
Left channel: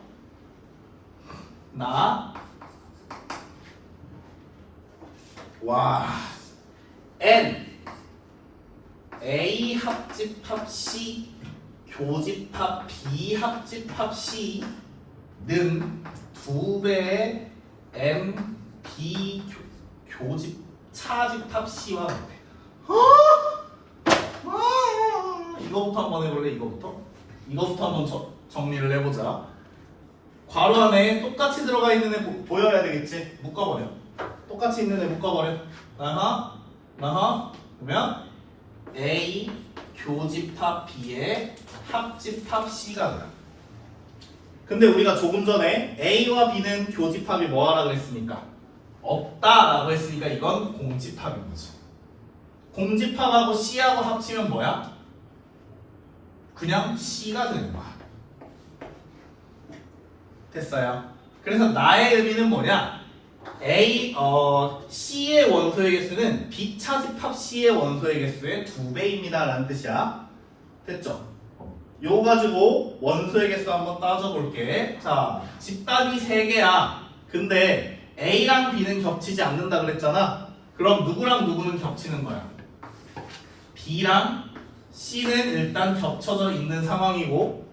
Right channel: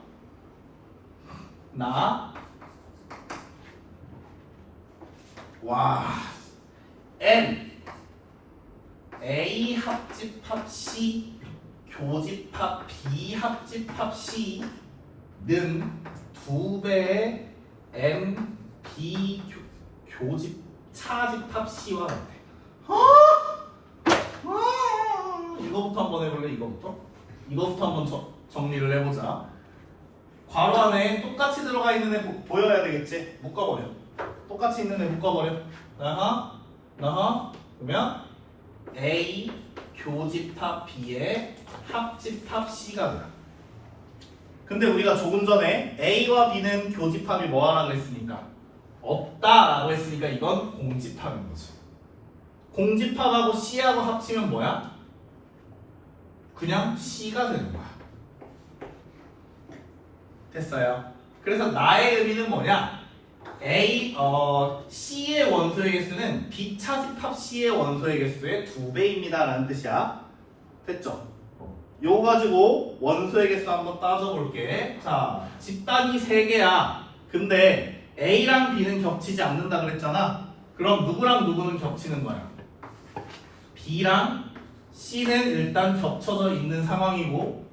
N A 합집합 C 교집합 B 합집합 C는 2배의 M B 교집 차집합 C와 같아. 이거부터 한번 해볼래? 이거부터 한번 정리를 해보자. 괄호 안에 똑같이 들어가 있는 애 보여야 되겠지? 묶어버려. 똑같이 있는 애 묶어버려. 그러면 A 교집합 B의 합집합 C가 돼요. 근데 우리가 조금 전에 A와 B는 교집합이 뭐하라 그랬으니까 없다라고 했으니까 이건 공집합인 거지. 공집합하고 C하고 합치면 뭐야? 그냥 C가 되는 거야. 됐어요. 그래서 나의 의미는 뭐냐? C의 원소의 개수는 B 차집합 C의 원소의 개수의 2배입니다 라는 뜻이야. 됐죠? 요거 가지고 원소의 개수 한번 따져볼게. 자, 집단이 3개야. 근데 A랑 B는 겹치지 않는다 그랬잖아. 그럼 누구랑 누구는 겹치는 거야? B랑 C는 일단 겹쳐져 있는 상황이고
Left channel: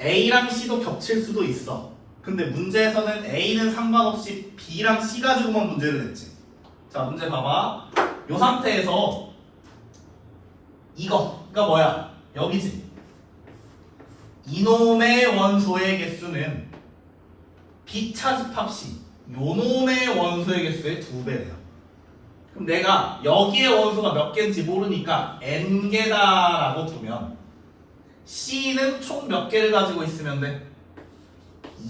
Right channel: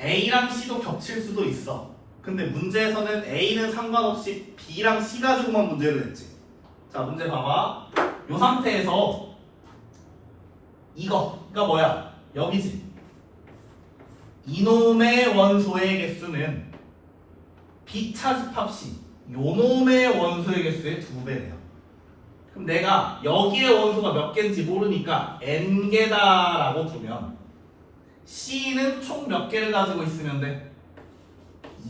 A랑 C도 겹칠 수도 있어. 근데 문제에서는 A는 상관없이 B랑 C 가지고만 문제를 냈지. 자, 문제 봐봐. 이 상태에서 이거가 뭐야? 여기지. 이놈의 원소의 개수는 B 차집합 C, 요놈의 원소의 개수의 2배래요. 그럼 내가 여기에 원소가 몇 개인지 모르니까 n개다라고 두면 C는 총 몇 개를 가지고 있으면 돼?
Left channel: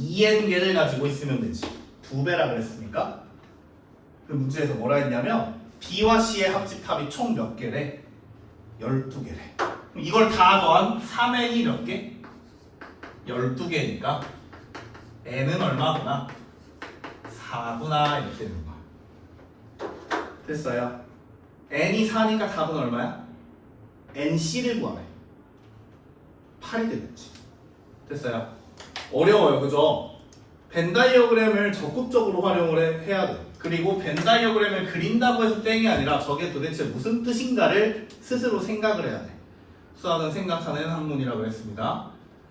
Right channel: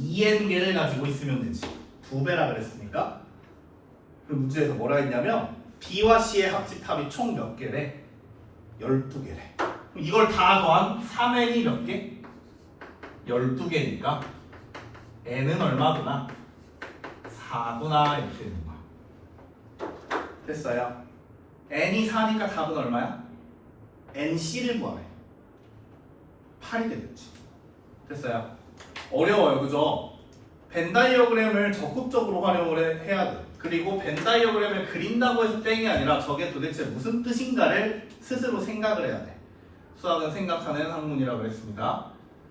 2n개를 가지고 있으면 되지. 2배라 그랬으니까. 그 문제에서 뭐라 했냐면 B와 C의 합집합이 총 몇 개래? 12개래. 이걸 다 더한 3n이 몇 개? 12개니까 n은 얼마구나? 4구나 이렇게 되는 거야. 됐어요? n이 4니까 답은 얼마야? NC를 구하래. 8이 되겠지. 됐어요? 어려워요, 그죠? 벤 다이어그램을 적극적으로 활용을 해야 돼. 그리고 벤 다이어그램을 그린다고 해서 땡이 아니라 저게 도대체 무슨 뜻인가를 스스로 생각을 해야 돼. 수학은 생각하는 학문이라고 했습니다.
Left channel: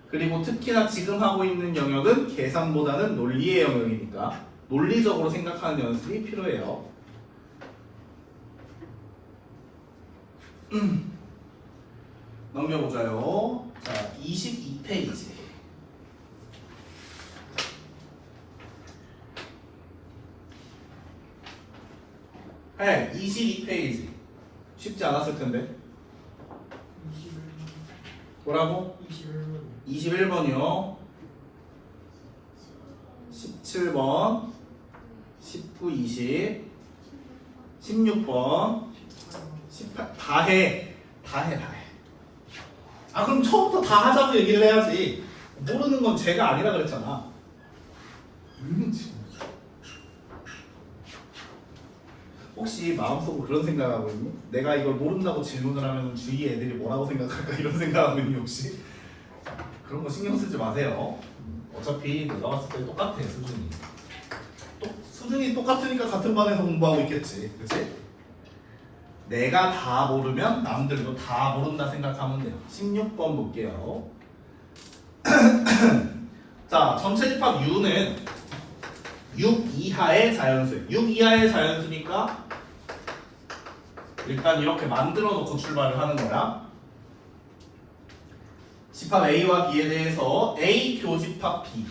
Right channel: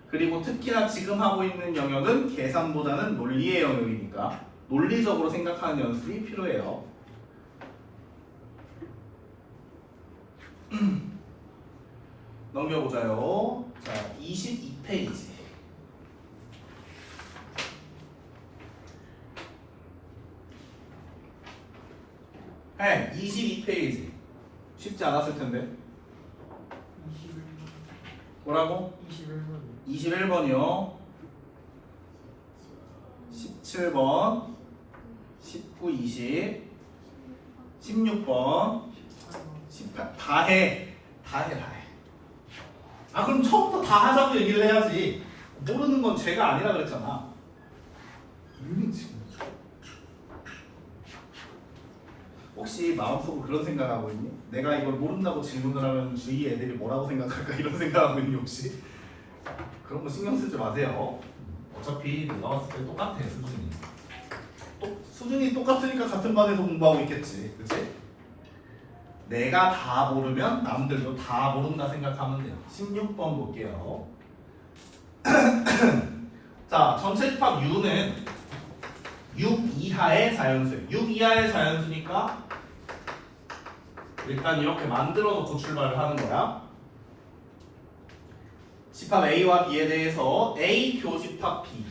그리고 특히나 지금 하고 있는 영역은 계산보다는 논리의 영역이니까 논리적으로 생각하는 연습이 필요해요. 넘겨보자요. 자, 22페이지. 네, 22페이지. 쉽지 않았을 텐데. 뭐라고? 21번이요. 17번, 19, 20, 16번, 18. 다 해. 아, 그럼 처음부터 다 하자고 얘기를 해야지. 모르는 건 죄가 아니라 그랬잖아. 혹시 마음속으로 그런 생각하고 있니? 내가 이걸 모른다고 질문을 하면 주위 애들이 뭐라고 생각할까 이런 생각하고 있니 혹시? 그런 거 신경 쓰지 마세요. 어차피 나왔을 때 똑같아 수준이. 수준이 똑같으니까 같은 반에서 공부하고 있겠지, 그렇지? 내가 다 모르면 남들도 다 모른다 생각하면 돼요. 16번 볼게요. 자, 전체 집합 U는 6 이하의 자연수예요. 6 이하의 자연수니까 일단 이렇게 만들어 놓고 출발을 하는 거야. 집합 A와 B에 대해서 A 교집합 B,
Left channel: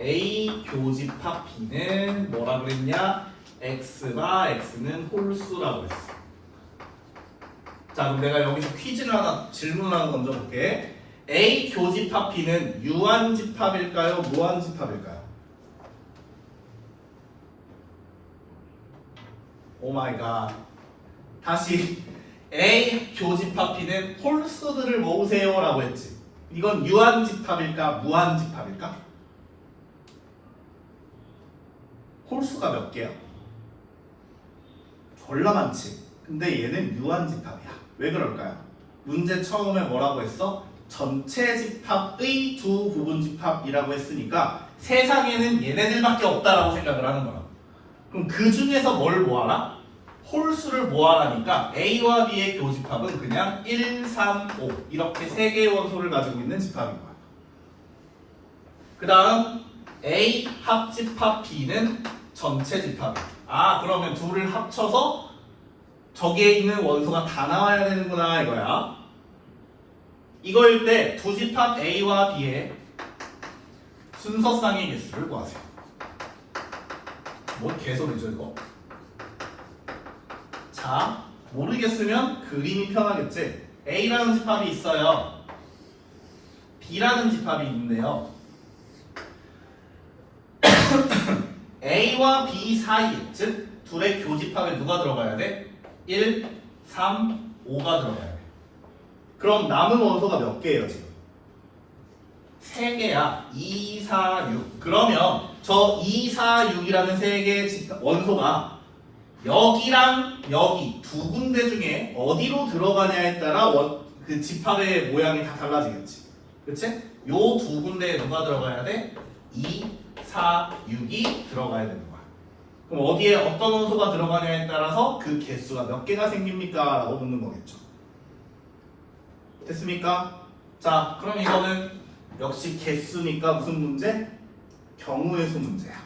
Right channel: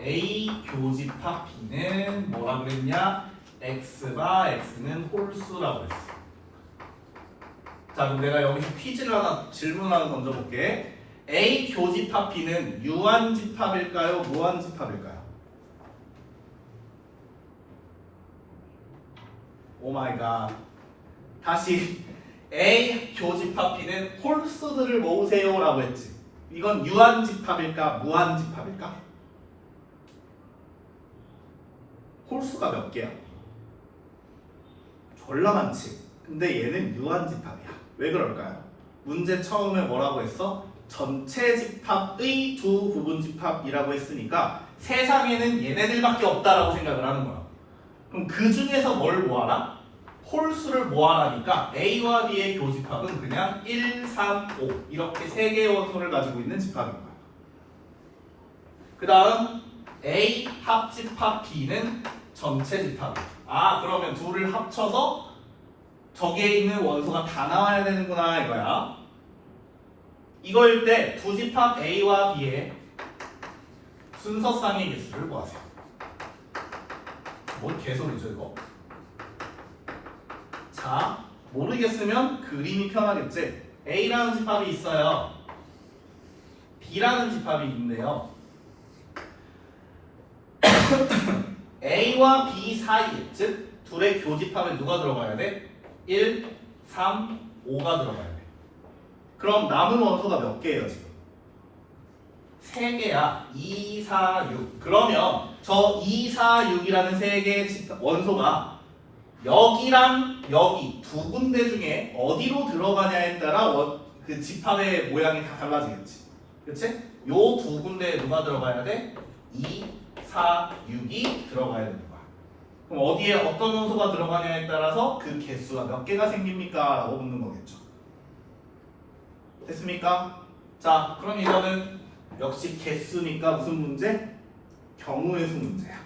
A 교집합 B는 뭐라 그랬냐? X가 X는 홀수라고 했어. 자, 그럼 내가 여기서 퀴즈를 하나, 질문을 하나 던져볼게. A 교집합 B는 유한집합일까요? 무한집합일까요? 오 마이 갓. 다시 A 교집합 B는 홀수들을 모으세요 라고 했지. 이건 유한집합일까? 무한집합일까? 홀수가 몇 개야? 졸라 많지. 근데 얘는 유한집합이야. 왜 그럴까요? 문제 처음에 뭐라고 했어? 전체 집합의 두 부분집합이라고 했으니까 세상에는 얘네들밖에 없다라고 생각을 하는 거야. 그럼 그 중에서 뭘 모아라? 홀수를 모아라니까 A와 B의 교집합은 그냥 1, 3, 5 이렇게 세 개의 원소를 가지고 있는 집합인 거야. 그 다음 A 합집합 B는 전체 집합. 아, 그러면 둘을 합쳐서 저기에 있는 원소가 다 나와야 되는구나 이거야. 이거일 때 두 집합 A와 B의 순서상의 개수를 구하세요. 뭔 개소리죠 이거? 자, 모르겠으면 그림이 편하겠지. A라는 집합이 있어요. B라는 집합이 있는데요. A와 B 사이, 즉 둘의 교집합에 누가 들어가야 돼? 1, 3, 5가 들어가야 돼. 그럼 남은 원소가 몇 개예요 지금? 3개야. 2, 4, 6. 그러면 저 2, 4, 6이라는 3개의 원소가 여기랑 여기 두 군데 중에 어디로 들어가냐에 따라 그 집합의 모양이 다 달라지겠지. 그치? 요 두 군데에 누가 들어가야 돼? 2, 4, 6이 들어가야 되는 거야. 그럼 어디에 어떤 원소가 들어가냐에 따라서 그 개수가 몇 개가 생깁니까? 라고 묻는 거겠죠. 됐습니까? 자, 그럼 이거는 역시 개수니까 무슨 문제? 경우의 수 문제야.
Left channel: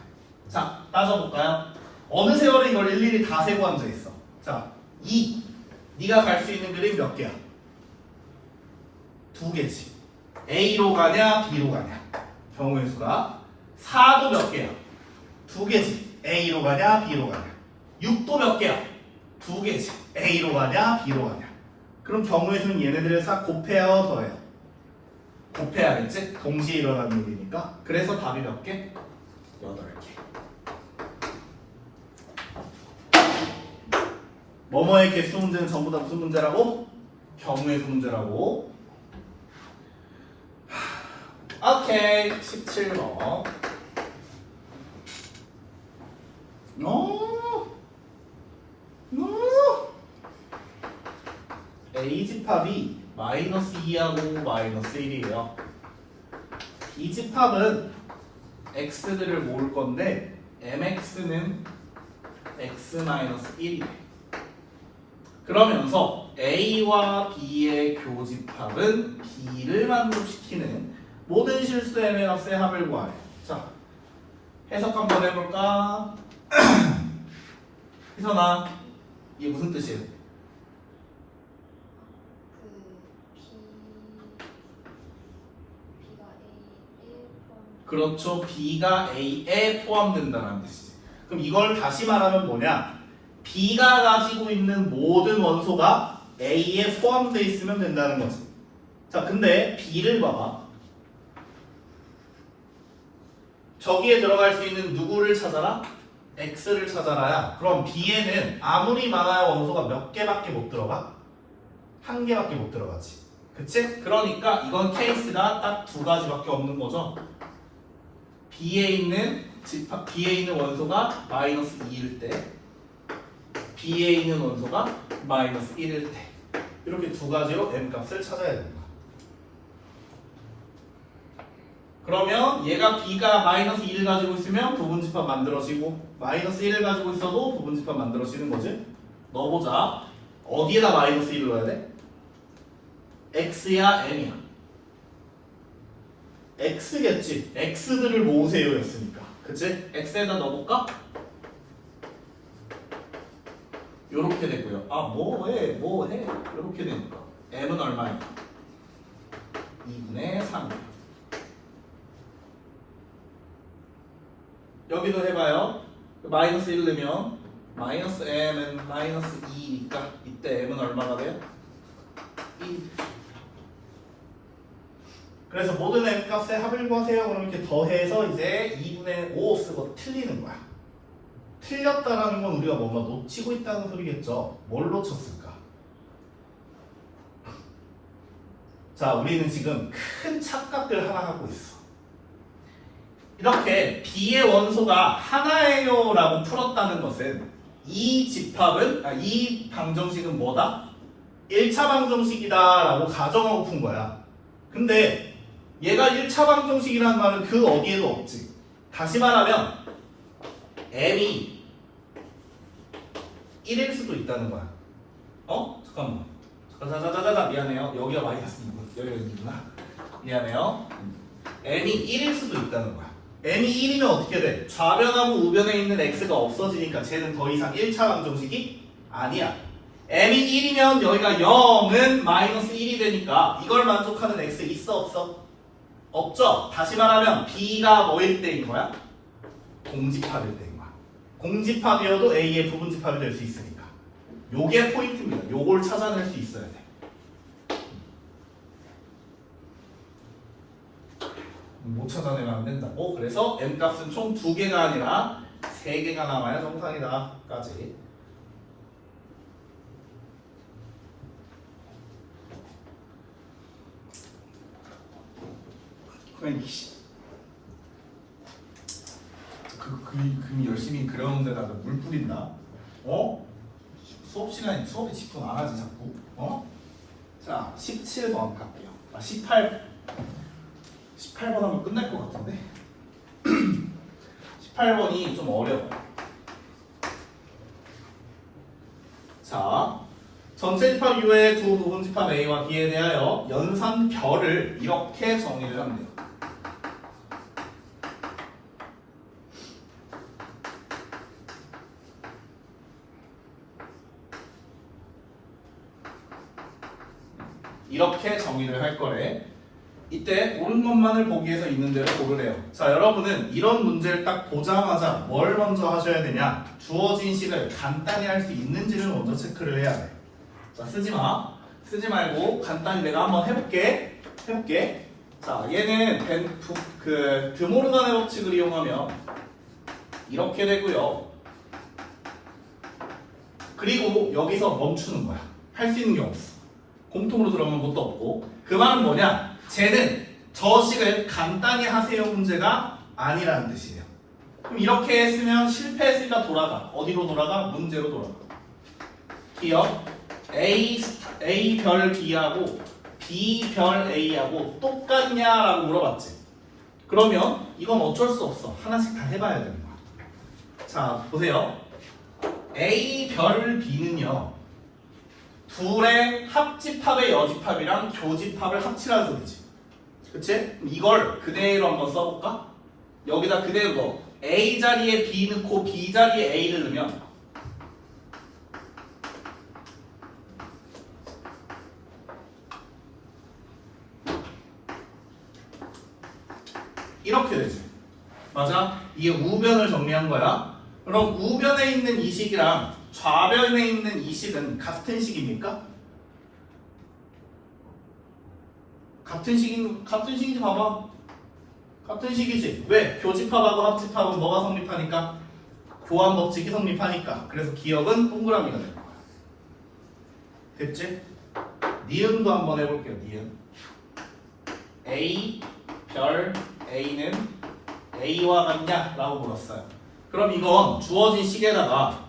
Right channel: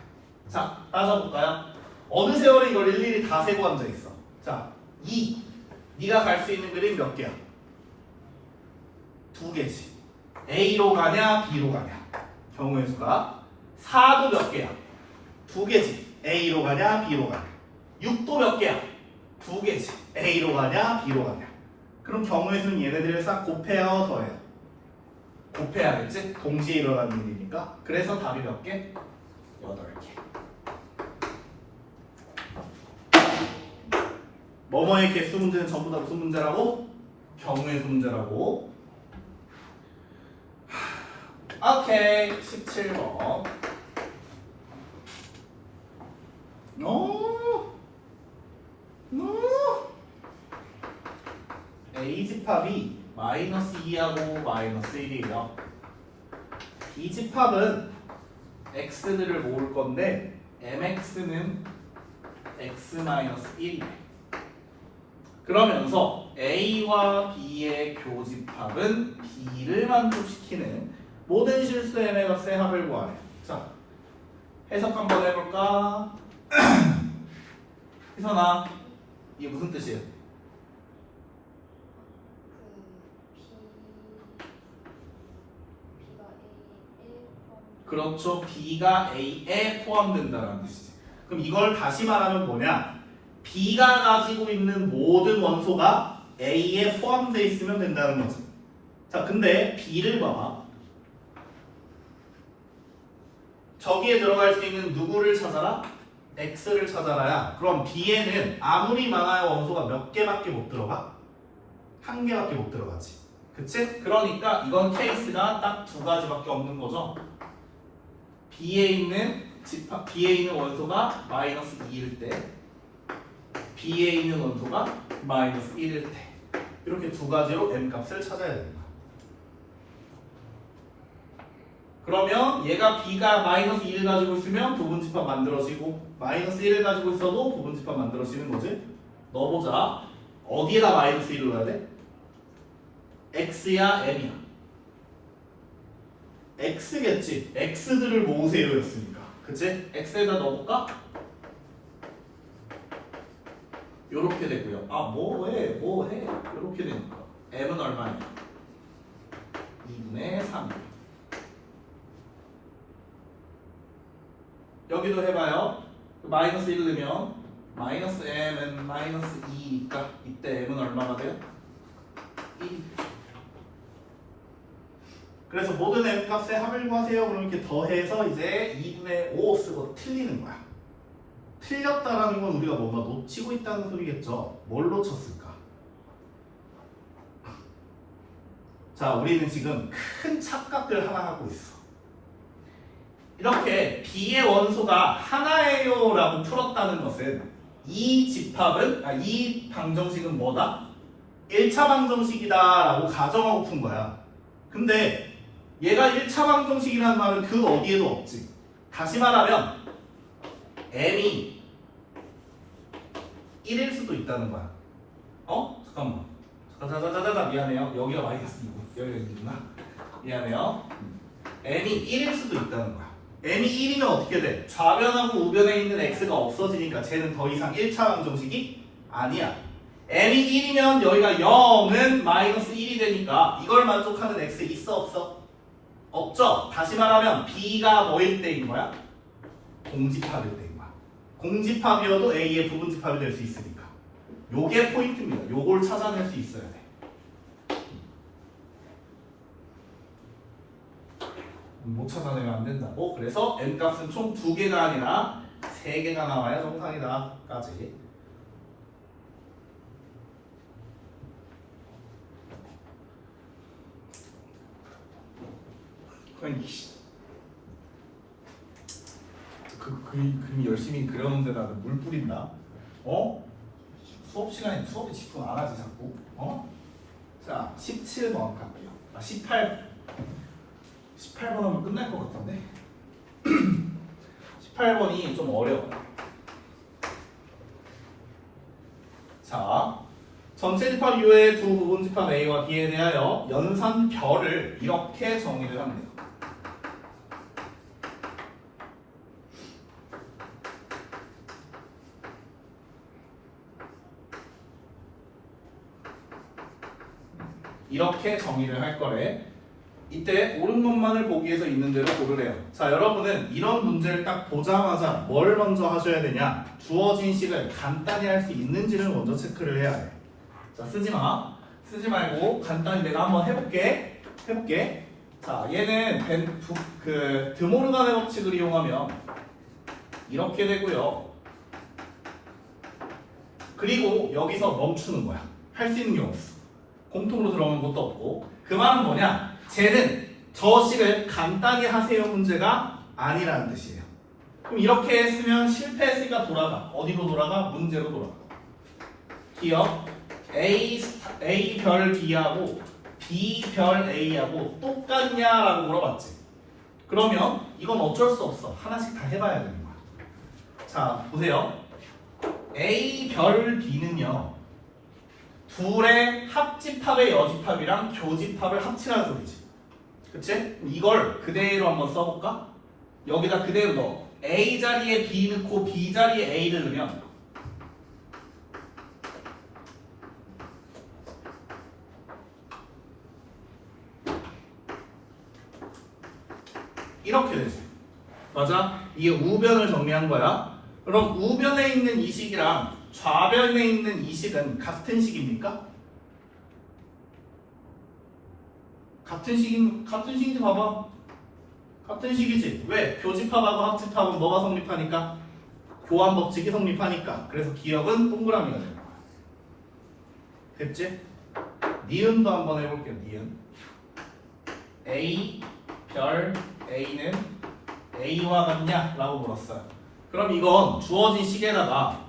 자, 따져볼까요? 어느 세월에 이걸 일일이 다 세고 앉아있어. 자, 2. 네가 갈 수 있는 그림 몇 개야? 2개지. A로 가냐 B로 가냐. 경우의 수가. 4도 몇 개야? 2개지. A로 가냐 B로 가냐. 6도 몇 개야? 2개지. A로 가냐 B로 가냐. 그럼 경우의 수는 얘네들을 싹 곱해요 더해요? 곱해야겠지? 동시에 일어나는 일이니까. 그래서 답이 몇 개? 8개. 뭐뭐의 개수 문제는 전부 다 무슨 문제라고? 경우의 수 문제라고. 오케이. 17번. A집합이 마이너스 2하고 마이너스 1이에요. B집합은 x들을 모을 건데 mx는 x-1이네. 그러면서 A와 B의 교집합은 B를 만족시키는 모든 실수 m의 값의 합을 구하래. 자, 해석 한번 해볼까? 희선아, 이게 무슨 뜻이에요? 그렇죠. B가 A에 포함된다는 뜻이지. 그럼 이걸 다시 말하면 뭐냐? B가 가지고 있는 모든 원소가 A에 포함되어 있으면 된다는 거지. 자, 근데 B를 봐봐. 저기에 들어갈 수 있는 누구를 찾아라? X를 찾아라야. 그럼 B에는 아무리 많아야 원소가 몇 개밖에 못 들어가? 한 개밖에 못 들어가지. 그치? 그러니까 이건 케이스가 딱 두 가지밖에 없는 거죠. B에 있는 원소가 마이너스 2일 때, B에 있는 원소가 마이너스 1일 때, 이렇게 두 가지로 m 값을 찾아야 됩니다. 그러면 얘가 B가 마이너스 2를 가지고 있으면 부분집합 만들어지고 마이너스 1을 가지고 있어도 부분집합 만들어지는 거지. 넣어보자. 어디에다 마이너스 1을 넣어야 돼? X야 M이야? X겠지. X들을 모으세요 였으니까. 그치? X에다 넣어볼까? 요렇게 되고요. 아 뭐해 요렇게 되니까 M은 얼마냐? 2분의 3. 여기도 해봐요. 마이너스 1 넣으면 마이너스 M은 마이너스 2니까 이때 M은 얼마가 돼요? 1. 그래서 모든 M 값의 합을 구하세요. 그럼 이렇게 더해서 이제 2분의 5 쓰고 틀리는 거야. 틀렸다라는 건 우리가 뭔가 놓치고 있다는 소리겠죠. 뭘 놓쳤을까? 자, 우리는 지금 큰 착각을 하나 하고 있어. 이렇게 B의 원소가 하나예요 라고 풀었다는 것은 이 방정식은 뭐다? 1차 방정식이다 라고 가정하고 푼 거야. 근데 얘가 1차 방정식이라는 말은 그 어디에도 없지. 다시 말하면 M이 1일 수도 있다는 거야. 잠깐만. 자자자자자 미안해요. 여기가 마이너스이고 여기가 미안해요. M이 1일 수도 있다는 거야. M이 1이면 어떻게 돼? 좌변하고 우변에 있는 X가 없어지니까 쟤는 더 이상 1차 방정식이 아니야. M이 1이면 여기가 0은 마이너스 1이 되니까 이걸 만족하는 X 있어 없어? 없죠? 다시 말하면 B가 뭐일 때인 거야? 공집합일 때인 거야. 공집합이어도 A의 부분집합이 될 수 있으니까 요게 포인트입니다. 요걸 찾아낼 수 있어야 돼. 못 찾아내면 안 된다고. 그래서 M값은 총 2개가 아니라 3개가 나와야 정상이다 까지. 그림 열심히 그려놓는데다가 물 뿌린다. 수업 시간에 수업에 집중 안 하지 자꾸. 자 17번 갈게요. 18번 하면 끝날 것 같은데. 18번이 좀 어려워. 자, 전체 집합 이외의 두 부분 집합 A와 B에 대하여 연산별을 이렇게 정리를 합니다. 이렇게 정의를 할 거래. 이때 옳은 것만을 보기 위해서 있는 대로 고르래요. 자, 여러분은 이런 문제를 딱 보자마자 뭘 먼저 하셔야 되냐? 주어진 식을 간단히 할 수 있는지를 먼저 체크를 해야 돼. 자, 쓰지 말고 간단히 내가 한번 해볼게. 자, 얘는 드모르간의 법칙을 이용하면 이렇게 되고요. 그리고 여기서 멈추는 거야. 할 수 있는 게 없어. 공통으로 들어오는 것도 없고. 그 말은 뭐냐? 쟤는 저 식을 간단히 하세요 문제가 아니라는 뜻이에요. 그럼 이렇게 했으면 실패했으니까 돌아가. 어디로 돌아가? 문제로 돌아가. 기억 A 별 B하고 B 별 A하고 똑같냐라고 물어봤지. 그러면 이건 어쩔 수 없어. 하나씩 다 해봐야 되는 거야. 자 보세요. A 별 B는요 둘의 합집합의 여집합이랑 교집합을 합치라는 소리지. 그치? 그럼 이걸 그대로 한번 써볼까? 여기다 그대로 넣어. A 자리에 B 넣고 B 자리에 A를 넣으면 이렇게 되지. 맞아? 이게 우변을 정리한 거야. 그럼 우변에 있는 이 식이랑 좌변에 있는 이 식은 같은 식입니까? 같은 식인지 봐봐. 같은 식이지. 왜? 교집합하고 합집합은 뭐가 성립하니까? 교환 법칙이 성립하니까. 그래서 기억은 동그라미가 되는 거야. 됐지? 니은도 한번 해볼게요. 니은. A 별 A는 A와 같냐? 라고 물었어요. 그럼 이건 주어진 식에다가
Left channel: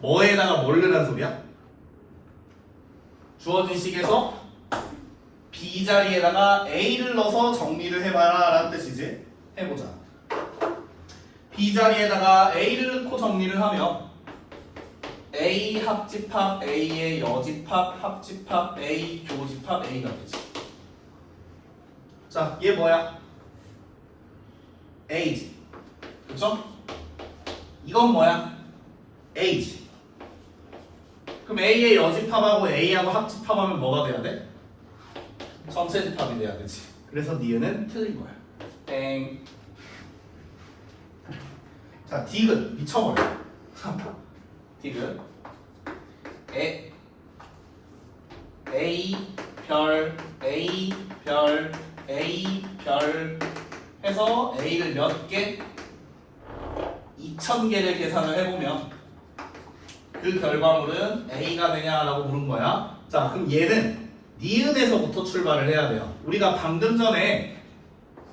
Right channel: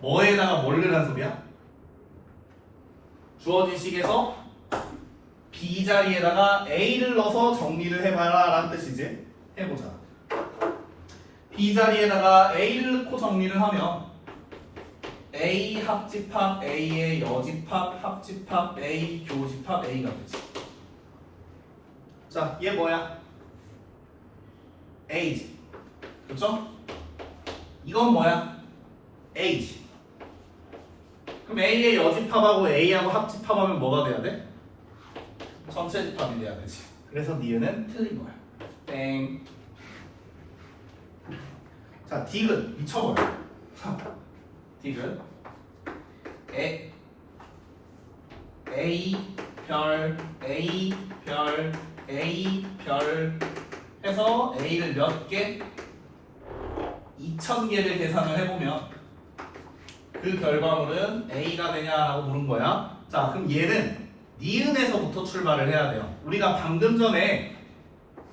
뭐에다가 뭘 넣으라는 소리야? 주어진 식에서 B 자리에다가 A를 넣어서 정리를 해봐라 라는 뜻이지. 해보자. B 자리에다가 A를 넣고 정리를 하면 A 합집합 A의 여집합 합집합 A 교집합 A가 되지. 자, 얘 뭐야? A지. 그렇죠? 이건 뭐야? A지. 그럼 A의 여집합하고 A하고 합집합하면 뭐가 돼야 돼? 전체 집합이 돼야 되지. 그래서 니은은 틀린 거야. 땡. 자, 디귿 미쳐버려. 디귿 A 별 A 별 A 별 해서 A를 몇 개? 2000개를 계산을 해보면 그 결과물은 A가 되냐라고 물은 거야. 자, 그럼 얘는 니은에서부터 출발을 해야 돼요. 우리가 방금 전에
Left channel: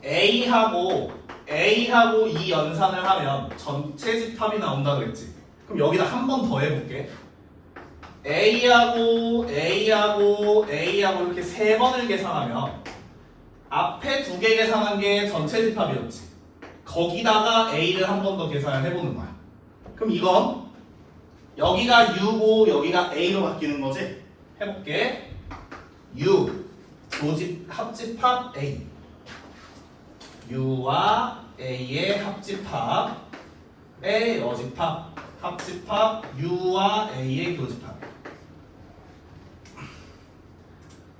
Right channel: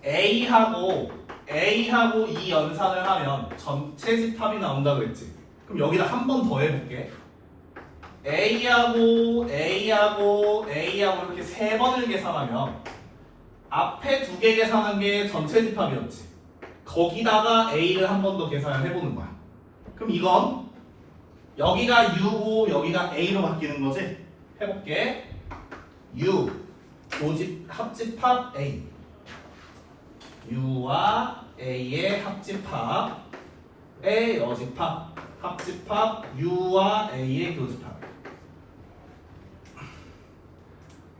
A하고 이 연산을 하면 전체 집합이 나온다 그랬지. 그럼 여기다 한 번 더 해볼게. A하고 이렇게 세 번을 계산하면 앞에 두 개 계산한 게 전체 집합이었지. 거기다가 A를 한 번 더 계산을 해보는 거야. 그럼 이건 여기가 U고 여기가 A로 바뀌는 거지. 해볼게. U 합집합 A U와 A의 합집합의 여집합 합집합 U와 A의 교집합.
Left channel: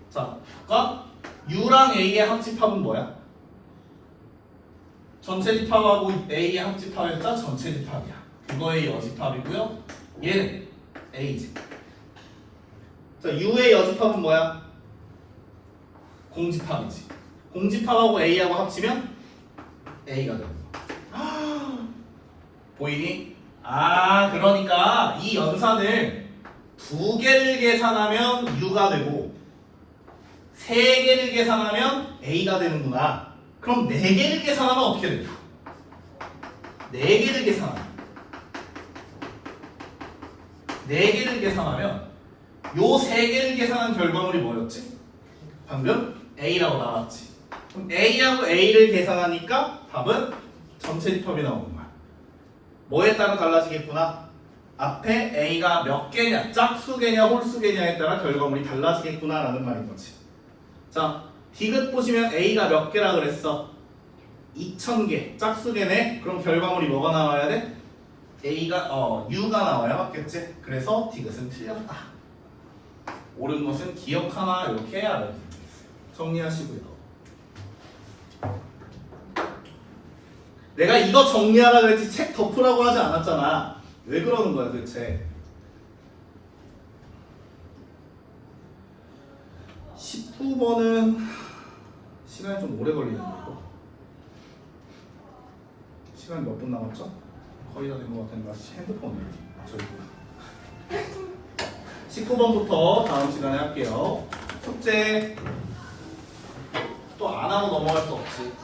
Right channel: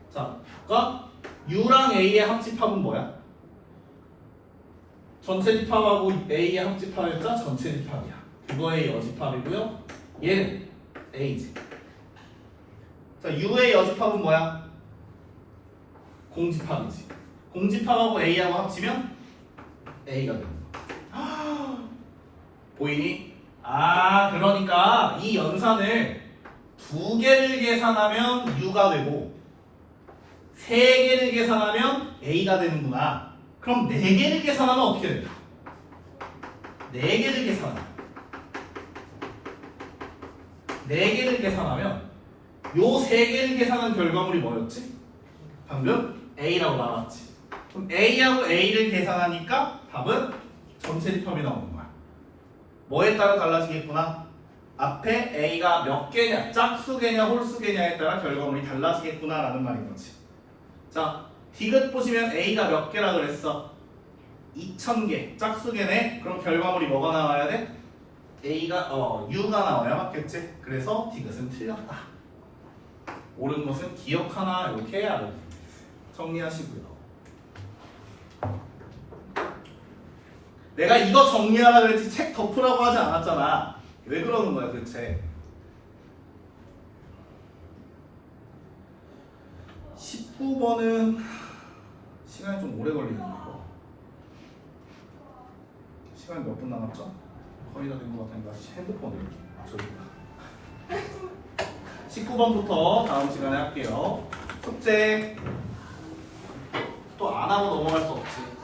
자, 그러니까 U랑 A의 합집합은 뭐야? 전체 집합하고 A의 합집합했자 전체 집합이야. 그거의 여집합이고요. 얘는 A지. 자, U의 여집합은 뭐야? 공집합이지. 공집합하고 A하고 합치면 A가 되는 거야. 보이니? 아, 그러니까 이 연산을 두 개를 계산하면 U가 되고 세 개를 계산하면 A가 되는구나. 그럼 네 개를 계산하면 어떻게 될까? 네 개를 계산하면 요 세 개를 계산한 결과물이 뭐였지? 방금 A라고 나왔지. 그럼 A하고 A를 계산하니까 답은 전체 집합이 나오는 거야. 뭐에 따라 달라지겠구나? 앞에 A가 몇 개냐, 짝수개냐, 홀수개냐에 따라 결과물이 달라지겠구나 라는 말인 거지. 자, 디귿 보시면 A가 몇 개라 그랬어? 2000개. 짝수개네. 그럼 결과물이 뭐가 나와야 돼? U가 나와야 맞겠지? 그래서 디귿은 틀렸다. 옳은 것은 기억 하나 이렇게 해야 돼. 정리하시고요. 내가 이거 정리하라 그랬지 책 덮으라고 하지 않았잖아. 왜 그러는 거야 도대체? 19번은 시간이 좀 오래 걸리네요. 시간이 몇 분 남았죠? 거의 다 된 것 같으니까 핸드폰을 저기 19번부터 다음 시간에 할게요. 숙제 또 안 하고 넘어갈 수 없지.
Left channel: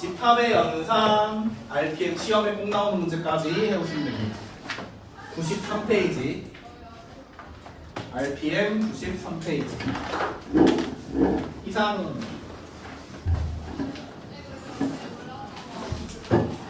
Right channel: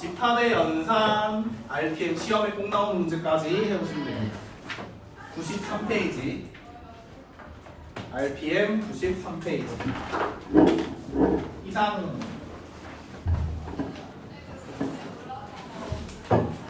집합의 연산, RPM 시험에 꼭 나오는 문제까지 해오시면 됩니다. 93페이지. RPM 93페이지. 이상.